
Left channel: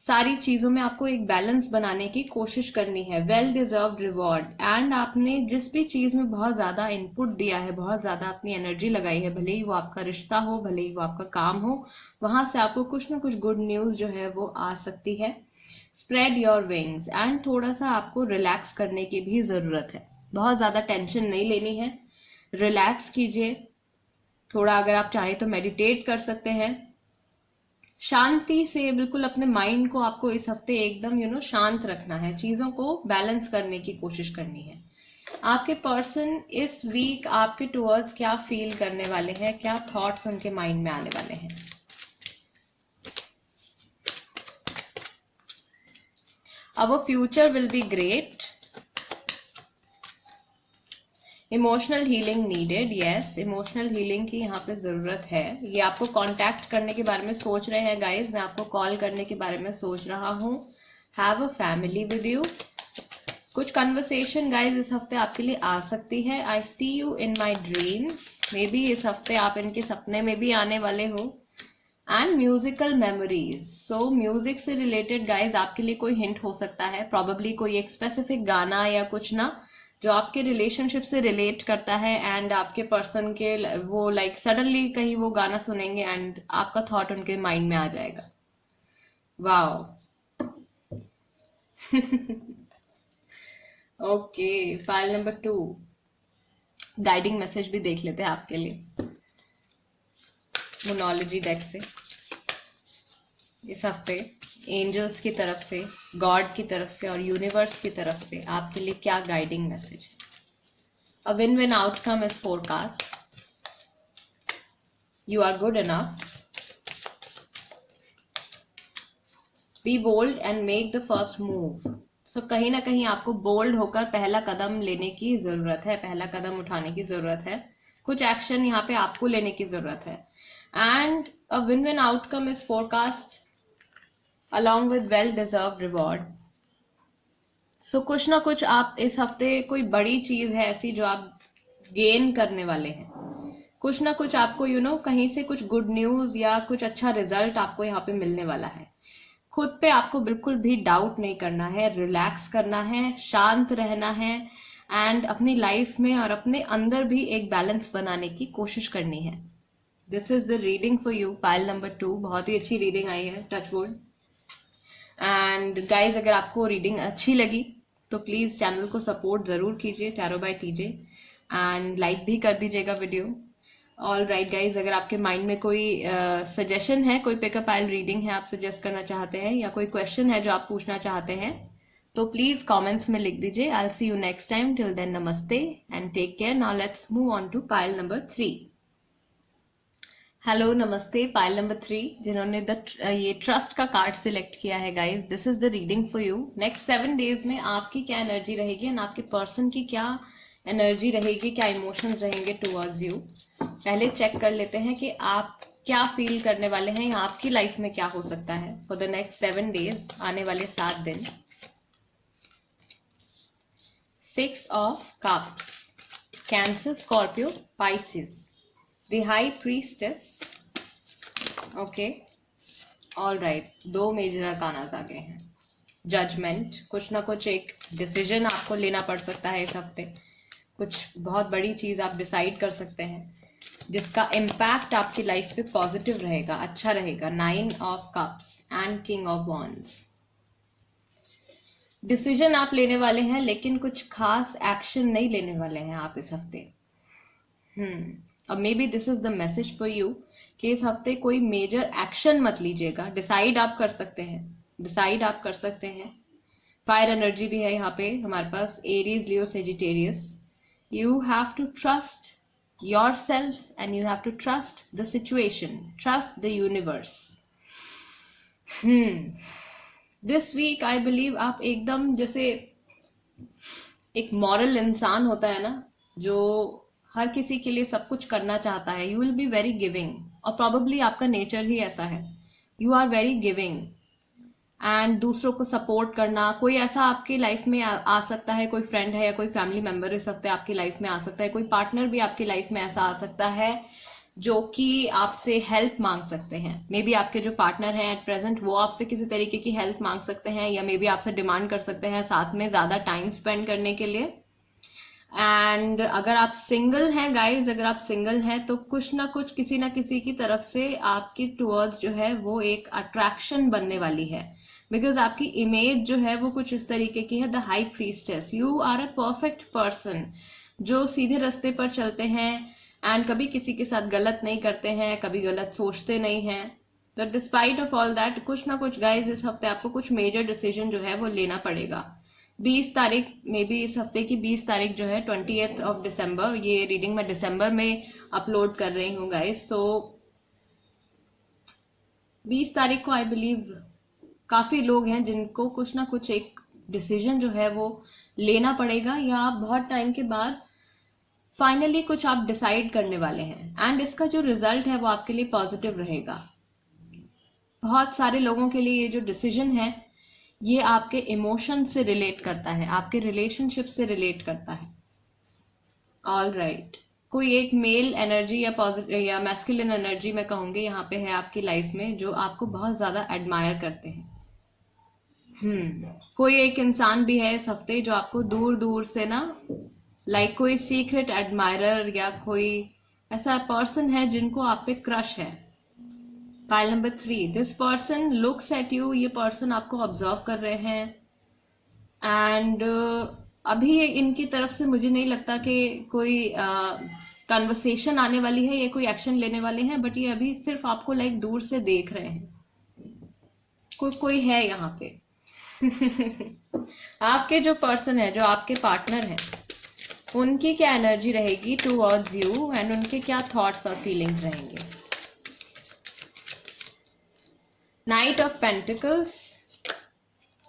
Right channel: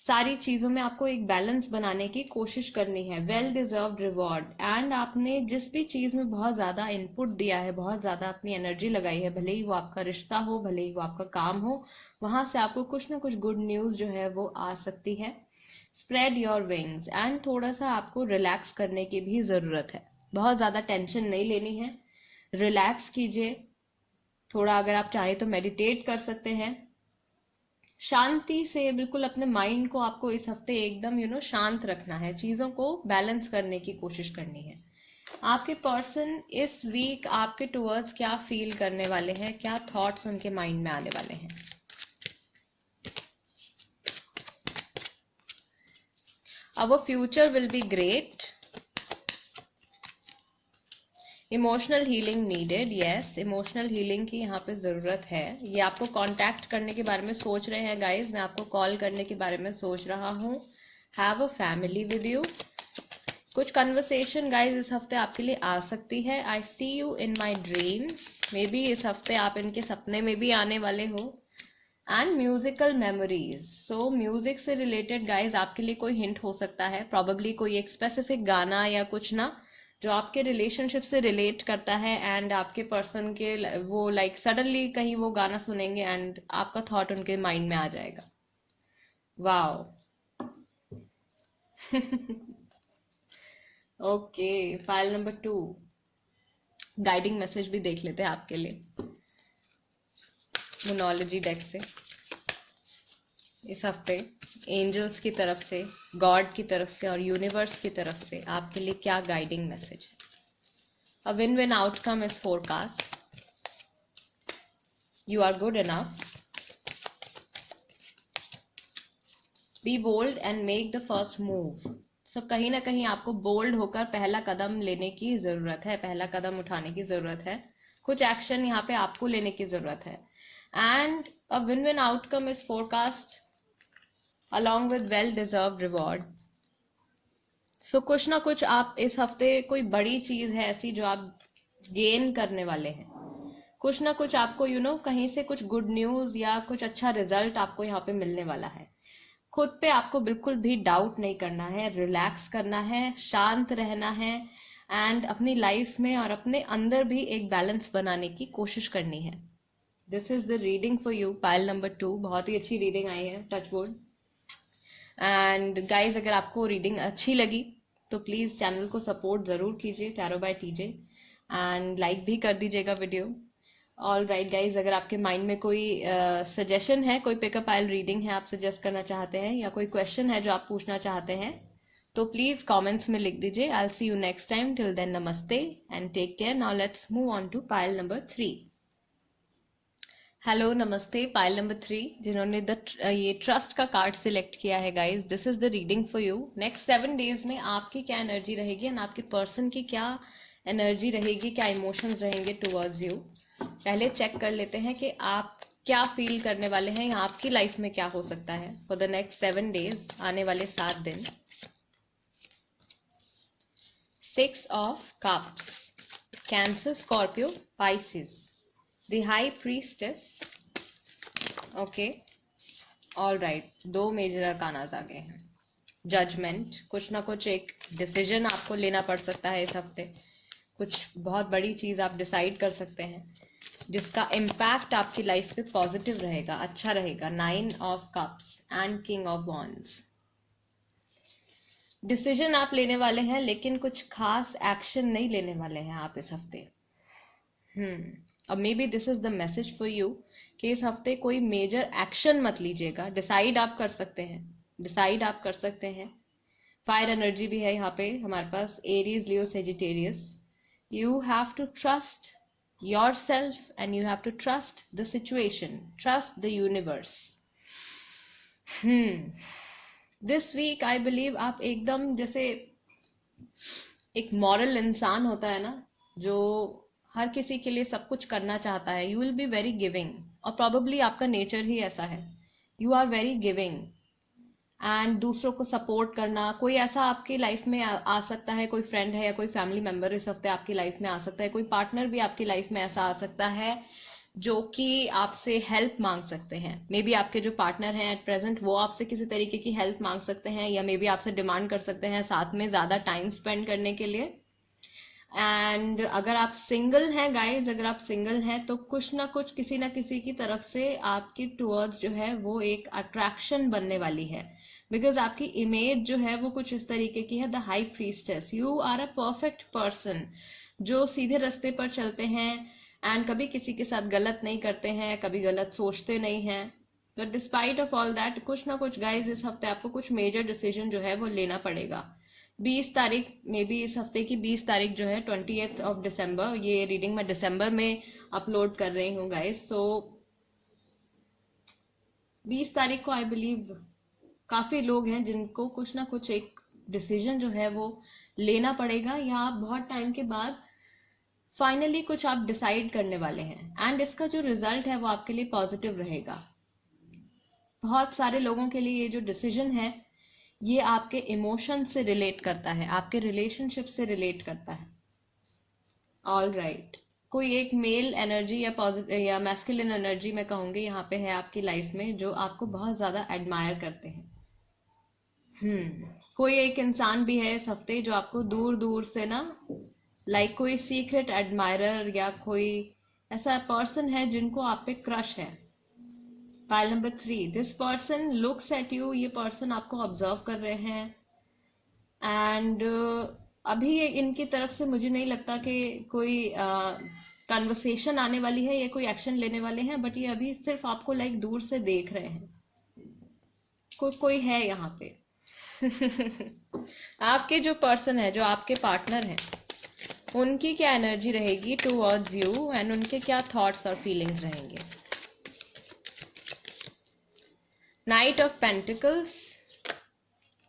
सारी चीजों में आपको एक बैलेंस बनाने की कोशिश करनी है। वेल डिजर्व्ड रिवॉर्ड, एंड आपने जिस भी चीज में बहुत ज्यादा इनपुट दिया है, बहुत ज्यादा अपनी एनर्जी लगाई है, भले ही वो आपका रिश्ता हो, भले ही वो आपका काम हो, वहां से आपको कुछ ना कुछ गुड न्यूज जो है वो आ सकती है। स्प्रेड योर विंग्स, एंड थोड़ा सा आपको रिलैक्स करने की भी जरूरत है, बहुत ज्यादा टेंशन नहीं लेनी है, रिलैक्स कीजिए थोड़ा। अगर आप चाहें तो मेडिटेट कर सकते हैं, शांति से बिल्कुल अपने माइंड को आपको इस हफ्ते एकदम शांत रखना है, चीजों को बैलेंस करने की कोशिश करनी है। आपके पर्सन इस वीक आपके टुवर्ड्स क्या फील करने वाले हैं, क्या थॉट्स उनके माइंड में आने वाले हैं। अवर future will be great, emotional healing needed, yes emotional healing की यहाँ पे जरूरत है। ये आपको कांटेक्ट करने के बारे में सोच रहे हैं गाइज, मैं आपको कॉल करने के बारे में सोच रहा हूँ। Have a family with you, कुछ कन्वर्सेशन गाइज इस हफ्ते आपके लिए आ सकती है। I see you in my dreams, maybe इस हफ्ते आप इनके सपने में भी आने वाले हो। And musical memories, so music से रिलेटेड गाइज आपके लिए कोई हिंट हो सकता है, प्रॉबेबली कोई एक स्पेसिफिक गाना या कुछ ना जो आपके रिलेशनशिप से रिलेट करता है, एंड आपके पर्सन के वो लाइक सडनली कहीं वो गाना सुनेंगे एंड आपका थॉट उनके माइंड में आ जाएगा। Wow okay, file number 2, guiding message भी देख लेते हैं आपके लिए मोनोलॉजी डेक से। इस हफ्ते एंजल्स की तरफ से, गॉड की तरफ से और यूनिवर्स की तरफ से आपके लिए क्या गाइडिंग मैसेज है? A win win outcome is forecast. You are good enough. Be bold and make the first move. So कहीं ना कहीं आपको बोल्ड होकर पहला कदम लेने की जरूरत है, पहला कदम उठाने की जरूरत है. कुछ एक्शन यहाँ पे आपको लेने की जरूरत है. And a win win outcome is forecast along with well deserved reward. सो कुछ ना कुछ आप इस हफ्ते, कोई बड़ी चीज है ऐसी जो आप गेन करने वाले हैं. कुछ ना कुछ आपको कहीं से कुछ गुड न्यूज या कुछ अच्छा रिजल्ट आपको यहाँ पे मिलने वाला है. खुद पे आपको बिल्कुल भी डाउट नहीं करना है, रिलैक्स करना है, शांत रहना है एंड अपनी लाइफ में और अपने अंदर भी एक बैलेंस बनाने की कोशिश करनी है. This is the reading for you, pile number 2. बहुत ही अच्छी रीडिंग आई है, टच वुड. एंड गाइज, अगर आपको रीडिंग अच्छी लगी तो प्लीज चैनल को सपोर्ट जरूर कीजिए, tarot by TJ, and like भी कर दीजिएगा वीडियो. ऑल राइट गाइज, अगर आपके माइंड में कोई सजेशन है, कोई पिकअप आइल रीडिंग है आप सजेस्ट करना चाहते हैं, या कोई क्वेश्चन है जो आप पूछना चाहते हैं, तो प्लीज कमेंट्स में लिख दीजिए. I will see you next time. Till then नमस्ते and take care. Now let's move on to pile number 3. Hello, नमस्ते. पाइल नंबर 3 जिन्होंने ये ट्रस्ट का कार्ड सिलेक्ट किया है guys, this is the reading for you. Next 7 days में आपकी क्या एनर्जी रहेगी एंड आपके पर्सन की क्या एनर्जी रहेगी, क्या इमोशंस रहेंगे टुवर्ड्स यू. पहले चेक कर लेते हैं कि आप क्या फील करने वाले हैं या आपकी लाइफ में क्या हो सकता है फॉर द नेक्स्ट 7 डेज, आने वाले 7 दिन. 6 of cups, Cancer, Scorpio, Pisces, The High Priestess. Okay, all right. 2 major arcanas आ गए हैं. जजमेंट, कुछ ना कुछ एक डिसीजन आपको लेना पड़ सकता है इस हफ्ते. कुछ बहुत बड़ी चीज आप डिसाइड कर सकते हैं जिसका इम्पैक्ट आपकी लाइफ पे पॉजिटिव रहेगा, अच्छा रहेगा. 9 of cups and king of wands. Decision आप लेने वाले हैं लेकिन कुछ खास एक्शन नहीं लेने वाले हैं आप इस हफ्ते. अब may be this is the message for you कि इस हफ्ते कोई मेजर एक्शन मत लीजिएगा. डिसाइड आप कर सकते हैं, डिसाइड आप कर सकते हैं. फायर एनर्जी भी है यहाँ पे हमारे पास, Aries, Leo, Sagittarius. You have to trust yourself and you have to trust the situation, trust the universe. This week I believe आप एकदम जैसे एक मॉरल इंसान होता है ना, जो हर किसी के लिए सब कुछ करना चाहता है. You will be very giving, और प्रॉबेबली आपका नेचर ही ऐसा है. You are very giving and दूसरों को सपोर्ट करना. कोई ऐसा आपकी लाइफ में आ सकता है, कोई फ्रेंड है या कोई फैमिली मेंबर इस हफ्ते आपकी लाइफ में आ सकता है. कोई पार्टनर भी आपकी लाइफ में ऐसा आ सकता है जो कि आपसे हेल्प मांग सकते हैं. मे बी आपके जो पार्टनर हैं एट प्रेजेंट वो आपसे किसी तरीके की हेल्प मांग सकते हैं, या मे बी आपसे डिमांड कर सकते हैं साथ में ज्यादा टाइम स्पेंड करने के लिए. एंड अगर आप सिंगल हैं गाइज, अगर आप सिंगल हैं तो कुछ ना कुछ किसी ना किसी की तरफ से आपकी टुवर्ड्स जो है वो एक अट्रैक्शन बनने वाली है. बिकॉज आपकी इमेज जो है वो कुछ इस तरीके की है, the high priestess. You are a perfect person जो सीधे रास्ते पर चलते हैं एंड कभी किसी के साथ गलत नहीं करते हैं, कभी गलत सोचते नहीं हैं. But despite of all that, कुछ ना कुछ गाइज इस हफ्ते आपको कुछ मेजर डिसीजन जो है वो लेना पड़ेगा. 20 तारीख, मे बी इस हफ्ते की 20 तारीख जो है 20th ऑफ दिसंबर, ये रीडिंग मैं दिसंबर में अपलोड कर रही हूँ गाइस. तो 20 तारीख को आई बिलीव काफी लोग हैं जिनको कुछ ना कुछ एक डिसीजन जो है वो लेना पड़ेगा, या आप बहुत टाइम के बाद फाइनली कुछ आप डिसाइड करने वाले हैं एंड इसका जो रिजल्ट है वो आपके लिए पॉजिटिव रहेगा. बहुत सारे लोगों के लिए ये जो डिसीजन है ये आपके इमोशन से रिलेट करता है, आपके रिलेशनशिप से रिलेट करता है. All right. कोई एक मेल एनर्जी या पॉजिटिव या मैस्कुलिन एनर्जी मैं कहूंगी यहाँ पे है आपकी लाइफ में, जो आपको बहुत ज्यादा एडमायर करते हैं. कोई एक इंसान भी है इस हफ्ते जो आपको दूर दूर से ना, लाइक कोई सीक्रेट एडमायरर या कोई ऐसा पर्सन है जिनको आप पे क्रश है. Pile number 3, this person looks at you. ये पर्सन आपको ऑब्जर्व कर रहे हैं एंड अभी इनकी तरफ से मुझे नहीं लगता कि कोई कन्वर्सेशन आने वाली है या कोई एक्शन लेने वाले हैं, बट ये अभी सिर्फ आपको लाइक दूर से देख रहे हैं. कोई है यहाँ पे। आपके जो पर्सन है, जो आपके पार्टनर है, उनकी क्या एनर्जी रहेगी टूवर्ड्स यू एंड उनके क्या थॉट्स और फीलिंग्स रहेंगे। Knight of pentacles,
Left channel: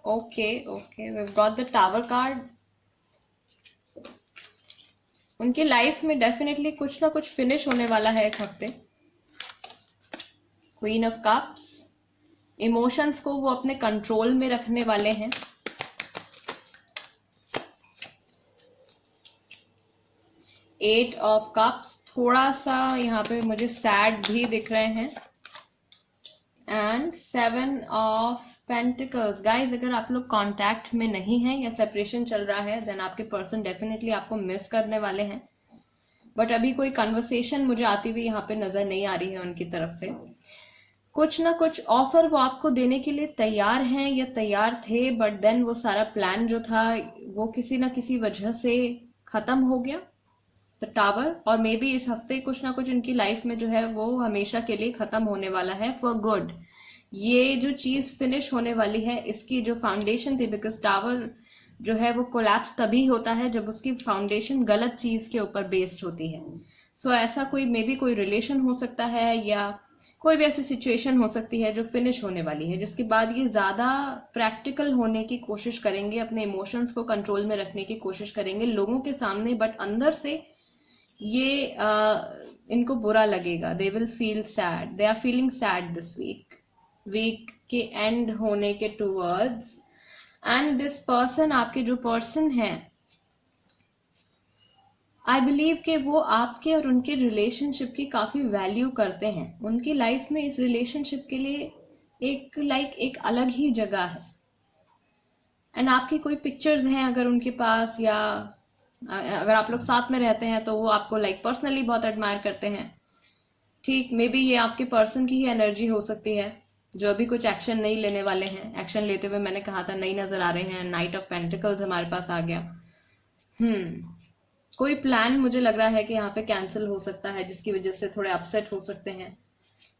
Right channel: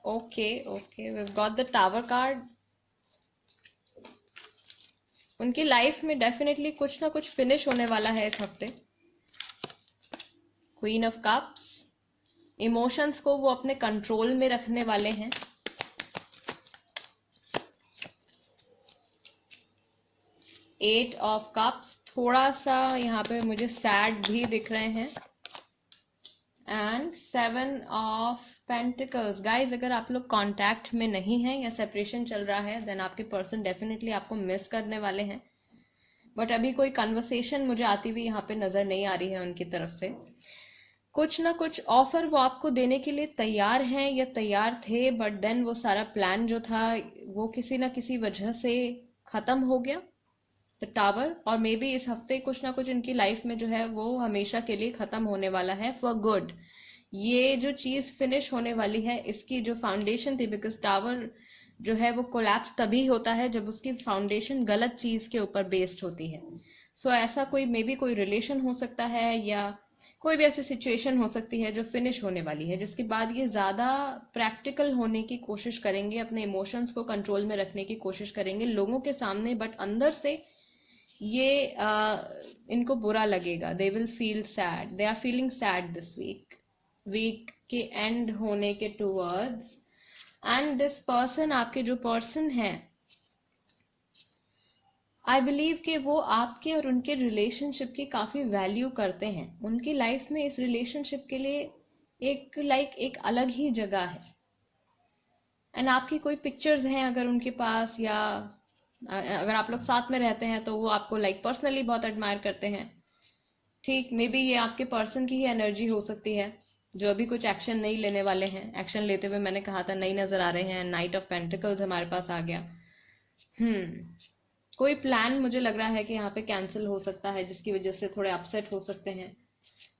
okay okay, we have got the tower card. उनकी लाइफ में डेफिनेटली कुछ ना कुछ फिनिश होने वाला है इस हफ्ते। क्वीन ऑफ कप्स, इमोशंस को वो अपने कंट्रोल में रखने वाले हैं। एट ऑफ कप्स, थोड़ा सा यहाँ पे मुझे सैड भी दिख रहे हैं। And seven of pentacles. Guys, अगर आप लोग कांटेक्ट में नहीं हैं या सेपरेशन चल रहा है, देन आपके पर्सन डेफिनेटली आपको मिस करने वाले हैं। बट अभी कोई कन्वर्सेशन मुझे आती हुई यहाँ पे नजर नहीं आ रही है उनकी तरफ से। कुछ ना कुछ ऑफर वो आपको देने के लिए तैयार हैं या तैयार थे, बट देन वो सारा प्लान जो था वो किसी ना किसी वजह से खत्म हो गया। द टावर, और मे बी इस हफ्ते कुछ ना कुछ इनकी लाइफ में जो है वो हमेशा के लिए खत्म होने वाला है फॉर गुड। ये जो चीज फिनिश होने वाली है, इसकी जो फाउंडेशन थी, बिकॉज टावर जो है वो कोलैप्स तभी होता है जब उसकी फाउंडेशन गलत चीज के ऊपर बेस्ड होती है। सो ऐसा कोई मे बी कोई रिलेशन हो सकता है या कोई भी ऐसी सिचुएशन हो सकती है जो फिनिश होने वाली है, जिसके बाद ये ज्यादा प्रैक्टिकल होने की कोशिश करेंगे, अपने इमोशंस को कंट्रोल में रखने की कोशिश करेंगे लोगों के सामने, बट अंदर से ये इनको बुरा लगेगा। They will feel sad, they are feeling sad this week के एंड होने के टूवर्ड्स। एंड दिस पर्सन, आपके जो पर्सन है, आई बिलीव कि वो आपके और उनके रिलेशनशिप की काफी वैल्यू करते हैं। उनकी लाइफ में इस रिलेशनशिप के लिए एक अलग ही जगह है। एंड आपकी कोई पिक्चर्स हैं अगर उनके पास, या अगर आप लोग साथ में रहते हैं तो वो आपको पर्सनली बहुत एडमायर करते हैं। ठीक, मे बी ये आपके पर्सन की ही एनर्जी हो सकती है जो अभी कुछ एक्शन नहीं लेने वाले हैं। एक्शन लेते हुए मैंने कहा था नहीं नजर आ रहे हैं। नाइट ऑफ पेंटिकल्स हमारे पास आ गया। कोई प्लान मुझे लग रहा है कि यहाँ पे कैंसिल हो सकता है, जिसकी वजह से थोड़े अपसेट हो सकते हैं।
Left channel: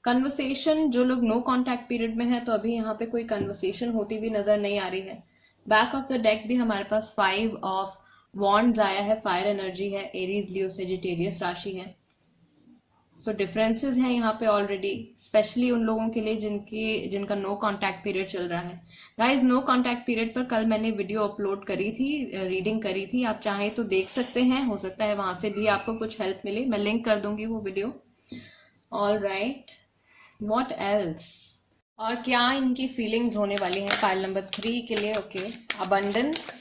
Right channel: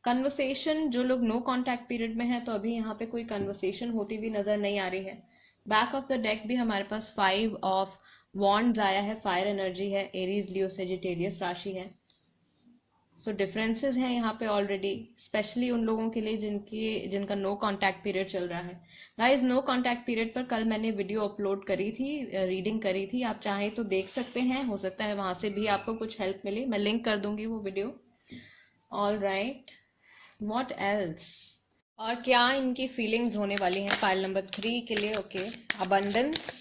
कन्वर्सेशन, जो लोग नो कांटेक्ट पीरियड में है तो अभी यहाँ पे कोई कन्वर्सेशन होती हुई नजर नहीं आ रही है। बैक ऑफ द डेक भी हमारे पास 5 ऑफ वॉन्ड्स आया है। फायर एनर्जी है, एरीज, लियो, सेजिटेरियस राशि है। सो डिफरेंसेस हैं यहाँ पे ऑलरेडी, स्पेशली उन लोगों के लिए जिनका नो कांटेक्ट पीरियड चल रहा है। गाइज, नो कांटेक्ट पीरियड पर कल मैंने वीडियो अपलोड करी थी, रीडिंग करी थी, आप चाहें तो देख सकते हैं। हो सकता है वहां से भी आपको कुछ हेल्प मिले, मैं लिंक कर दूंगी वो video. All right, what else, और क्या इनकी फीलिंग्स होने वाली हैं फाइल नंबर 3 के लिए। Okay, abundance,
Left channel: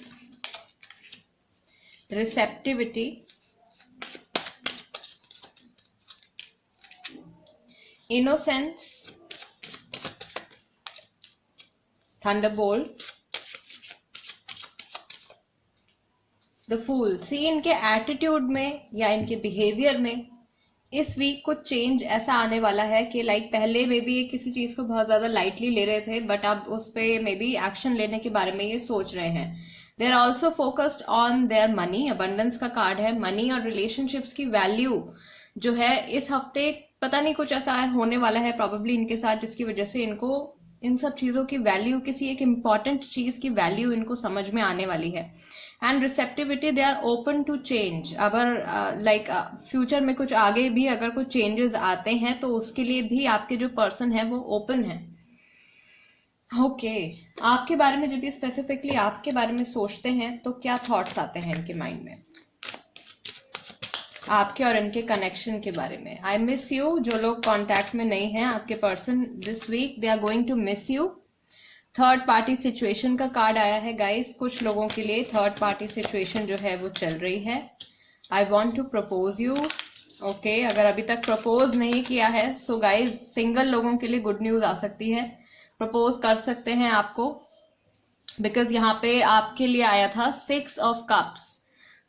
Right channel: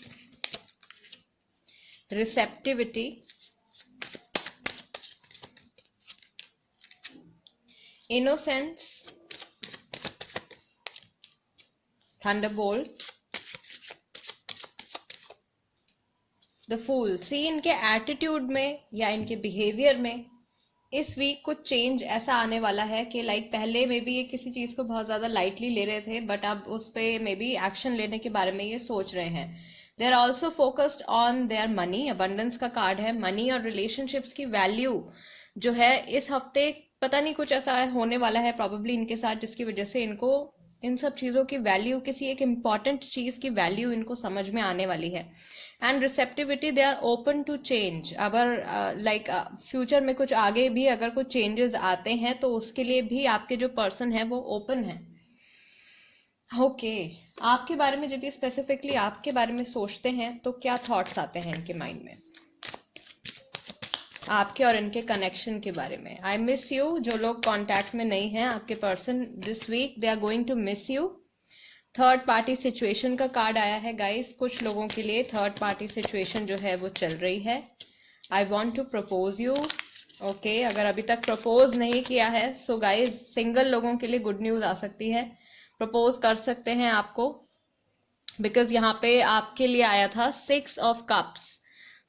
receptivity, innocence, thunderbolt, the fool. See, इनके एटीट्यूड में या इनके बिहेवियर में इस वीक कुछ चेंज ऐसा आने वाला है कि पहले में भी ये किसी चीज को बहुत ज्यादा लाइटली ले रहे थे, बट अब उस पे मे बी एक्शन लेने के बारे में ये सोच रहे हैं। They are also focused on their money. Abundance का कार्ड है। मनी और रिलेशनशिप्स की वैल्यू जो है इस हफ्ते पता नहीं कुछ ऐसा होने वाला है प्रॉबेबली इनके साथ, जिसकी वजह से इनको इन सब चीजों की वैल्यू, किसी एक इम्पॉर्टेंट चीज की वैल्यू इनको समझ में आने वाली है। And receptivity, they are open to change. अगर फ्यूचर में कुछ आगे भी अगर कुछ चेंजेस आते हैं तो उसके लिए भी आपके जो पर्सन है वो ओपन है। ओके, आपके बारे में जब ये स्पेसिफिकली आपके बारे में सोचते हैं तो क्या थॉट्स आते हैं इनके माइंड में आपके और इनके कनेक्शन के बारे में। आई मिस यू, जो लोग कांटेक्ट में नहीं हैं, आपके person this week they are going to miss you. Third party situation का कार्ड आया है गाइस। कुछ लोगों के लिए थर्ड पार्टी सिचुएशन जो है वो चल रही है। I want to propose you. Okay, अगर अभी तक प्रपोज नहीं किया है सो गाइस, सिंगल लोगों के लिए गुड न्यूज आ सकती है। प्रपोज कर सकते हैं आपको, बिकॉज यहाँ पे आपके लिए आया था 6 ऑफ कप्स।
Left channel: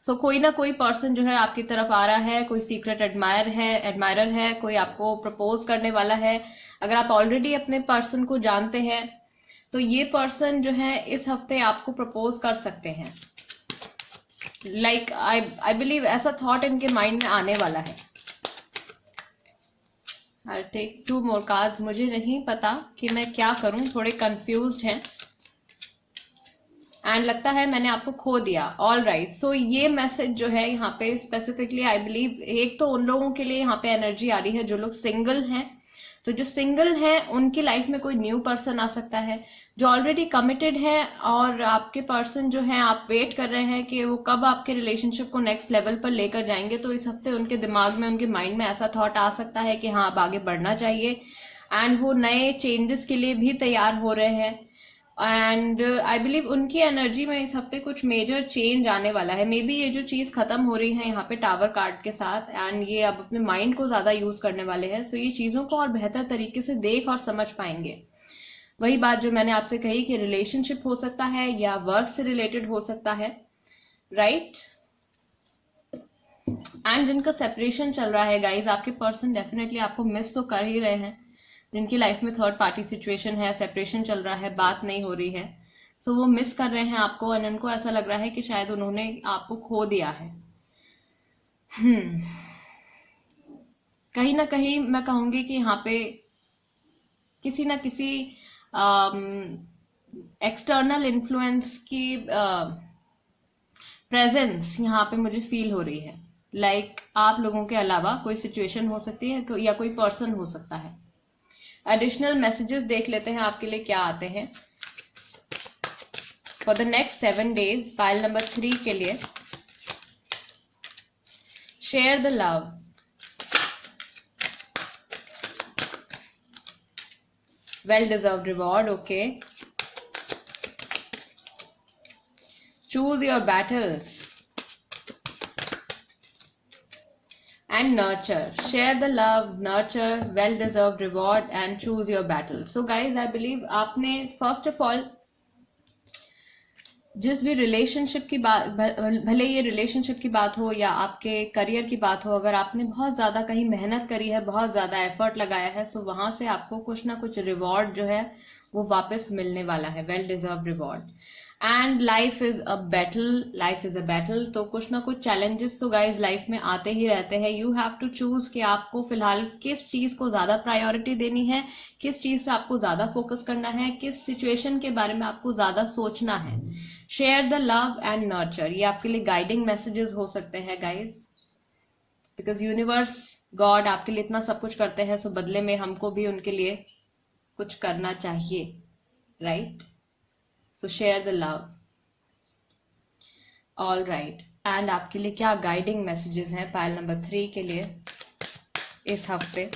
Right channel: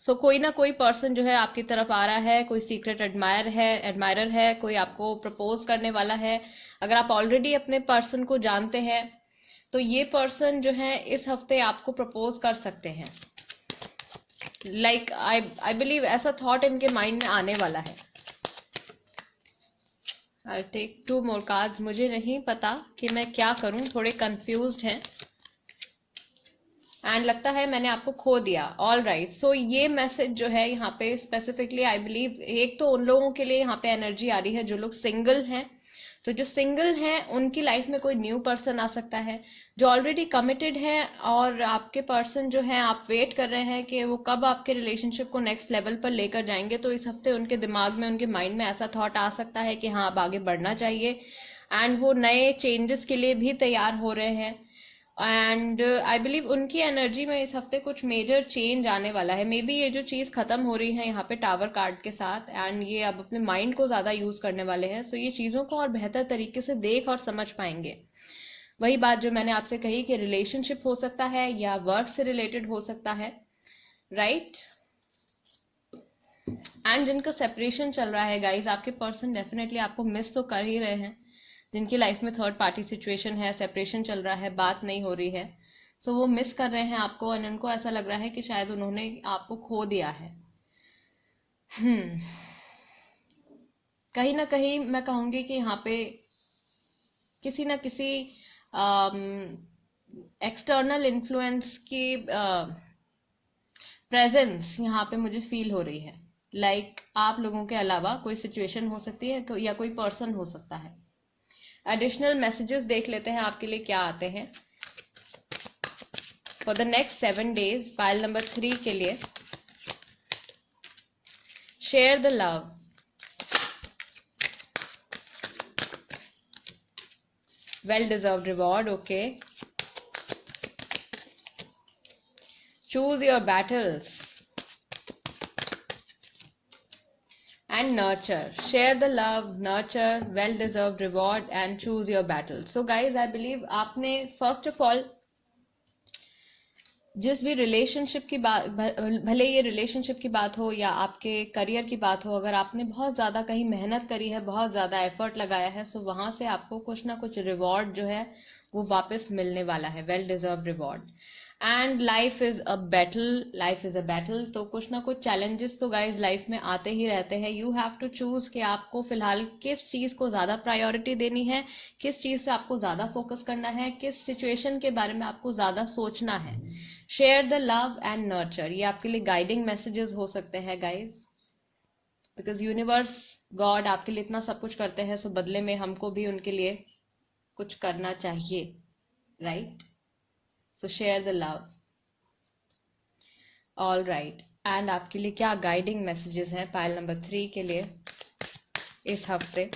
सो कोई ना कोई पर्सन जो है आपकी तरफ आ रहा है, कोई सीक्रेट एडमायरर है, कोई आपको प्रपोज करने वाला है। अगर आप ऑलरेडी अपने पर्सन को जानते हैं तो ये पर्सन जो है इस हफ्ते आपको प्रपोज कर सकते हैं। आई बिलीव ऐसा थॉट इनके माइंड में आने वाला है। I take 2 more cards. मुझे नहीं पता कि मैं क्या करूं, थोड़े कंफ्यूज्ड हैं एंड लगता है मैंने आपको खो दिया। ऑल राइट, सो ये मैसेज जो है यहाँ पे स्पेसिफिकली आई बिलीव एक तो उन लोगों के लिए यहाँ पे एनर्जी आ रही है जो लोग सिंगल हैं। तो जो सिंगल हैं उनकी लाइफ में कोई न्यू पर्सन आ सकता है। जो ऑलरेडी कमिटेड है और आपके पर्सन जो है आप वेट कर रहे हैं कि वो कब आपके रिलेशनशिप को नेक्स्ट लेवल पर लेकर जाएंगे, तो इस हफ्ते उनके दिमाग में, उनके माइंड में ऐसा थॉट आ सकता है कि हाँ अब आगे बढ़ना चाहिए एंड वो नए चेंजेस के लिए भी तैयार हो रहे हैं। एंड आई बिलीव उनकी एनर्जी में इस हफ्ते कुछ मेजर चेंज आने वाला है। मे बी ये जो चीज खत्म हो रही है यहाँ पे टावर कार्ड के साथ एंड ये अब अपने माइंड को ज्यादा यूज करने वाले हैं, सो ये चीजों को और बेहतर तरीके से देख और समझ पाएंगे। वही बात जो मैंने आपसे कही कि रिलेशनशिप हो सकता है या वर्क से रिलेटेड हो सकता है, राइट। एंड जिनका सेपरेशन चल रहा है गाइज, आपके पर्सन डेफिनेटली आपको मिस तो कर ही रहे हैं। जिनकी लाइफ में थर्ड पार्टी सिचुएशन है, सेपरेशन चल रहा है, बात नहीं हो रही है, सो वो मिस कर रहे हैं आपको और उनको ऐसा लग रहा है कि शायद उन्होंने आपको खो दिया है। कहीं ना कहीं मैं कहूंगी कि यहाँ पे किसी ना किसी एक्सटर्नल इन्फ्लुएंस की प्रेजेंस यहाँ पे मुझे फील हो रही है। लाइक आप लोगों के अलावा कोई सिचुएशन हो सकती है या कोई पर्सन हो सकता है। एडिशनल मैसेजेस देख लेते हैं आपके लिए क्या आते हैं for the next 7 days। Pile number 3 के लिए share the love, well deserved reward, okay, choose your battles and nurture, share the love, nurture, well deserved reward and choose your battle। so guys I believe आपने first of all जिस भी रिलेशनशिप की बात, भले ये रिलेशनशिप की बात हो या आपके करियर की बात हो, अगर आपने बहुत ज्यादा कहीं मेहनत करी है, बहुत ज्यादा एफर्ट लगाया है, सो वहां से आपको कुछ ना कुछ रिवॉर्ड जो है वो वापस मिलने वाला है, well deserve reward. And life is a battle, life is a battle, तो कुछ ना कुछ चैलेंजेस तो गाइज लाइफ में आते ही रहते हैं। यू हैव टू चूज कि आपको फिलहाल किस चीज को ज्यादा प्रायोरिटी देनी है, किस चीज पे आपको ज्यादा फोकस करना है, किस सिचुएशन के बारे में आपको ज्यादा सोचना है। Share the love and nurture, ये आपके लिए गाइडिंग मैसेजेस हो सकते हैं गाइज, बिकॉज यूनिवर्स, गॉड आपके लिए इतना सब कुछ करते हैं, सो बदले में हमको भी उनके लिए कुछ करना चाहिए, right. So share the love, all right. And आपके लिए क्या गाइडिंग मैसेजेस हैं पाइल नंबर 3 के लिए इस हफ्ते।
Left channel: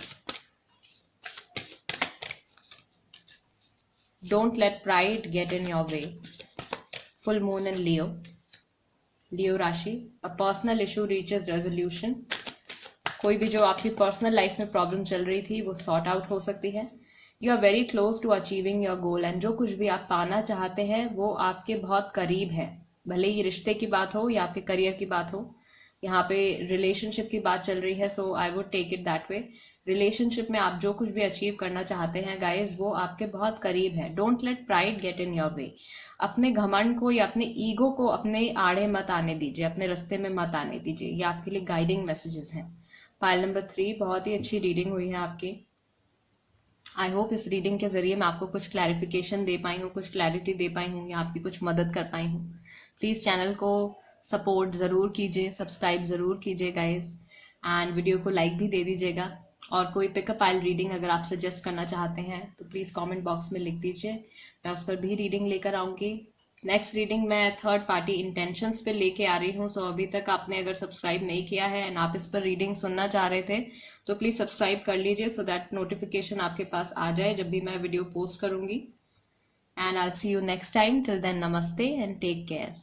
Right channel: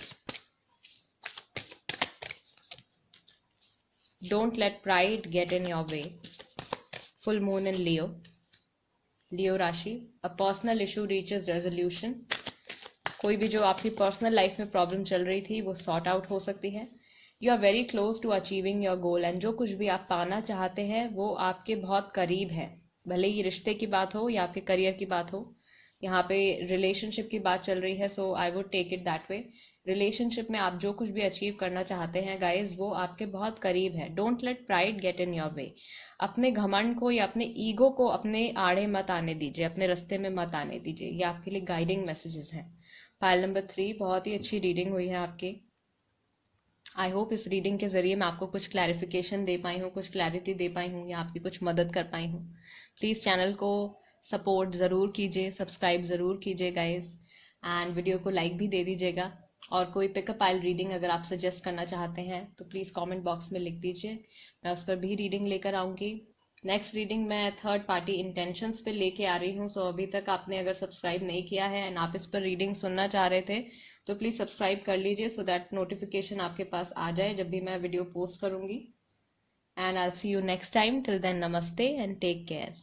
Don't let pride get in your way, full moon in Leo, Leo राशि। A personal issue reaches resolution, कोई भी जो आपकी पर्सनल लाइफ में प्रॉब्लम चल रही थी वो सॉर्ट आउट हो सकती है। You are very close to achieving your goal, and जो कुछ भी आप पाना चाहते हैं वो आपके बहुत करीब है, भले ही रिश्ते की बात हो या आपके करियर की बात हो। यहाँ पे रिलेशनशिप की बात चल रही है, so I would take it that way. Relationship में आप जो कुछ भी अचीव करना चाहते हैं गाइज, वो आपके बहुत करीब है। Don't let pride get in your वे, अपने घमंड को या अपने ईगो को अपने आड़े मत आने दीजिए, अपने रास्ते में मत आने दीजिए। ये आपके लिए गाइडिंग मैसेजेस हैं। पाइल नंबर 3, बहुत ही अच्छी रीडिंग हुई है आपकी। आई होप इस रीडिंग के जरिए मैं आपको कुछ क्लैरिफिकेशन दे पाई हूँ, कुछ क्लैरिटी दे पाई हूँ या आपकी कुछ मदद कर पाई हूँ। प्लीज चैनल को सपोर्ट जरूर कीजिए, सब्सक्राइब जरूर कीजिए गाइज, एंड वीडियो को लाइक भी दे दीजिएगा। और कोई पिकअप पाइल रीडिंग अगर आप सजेस्ट करना चाहते हैं तो प्लीज कमेंट बॉक्स में लिख दीजिए, मैं उस पर भी रीडिंग लेकर आऊंगी। नेक्स्ट रीडिंग मैं थर्ड पार्टी इंटेंशंस पे लेके आ रही हूँ। सो अभी तक आपने अगर सब्सक्राइब नहीं किया है एंड आप इस पर रीडिंग सुनना चाह रहे थे तो प्लीज सब्सक्राइब कर लीजिए, सो दैट नोटिफिकेशन आपके पास आ जाए जब भी मैं वीडियो पोस्ट करूंगी। And I see you next time, till then नमस्ते एंड टेक केयर।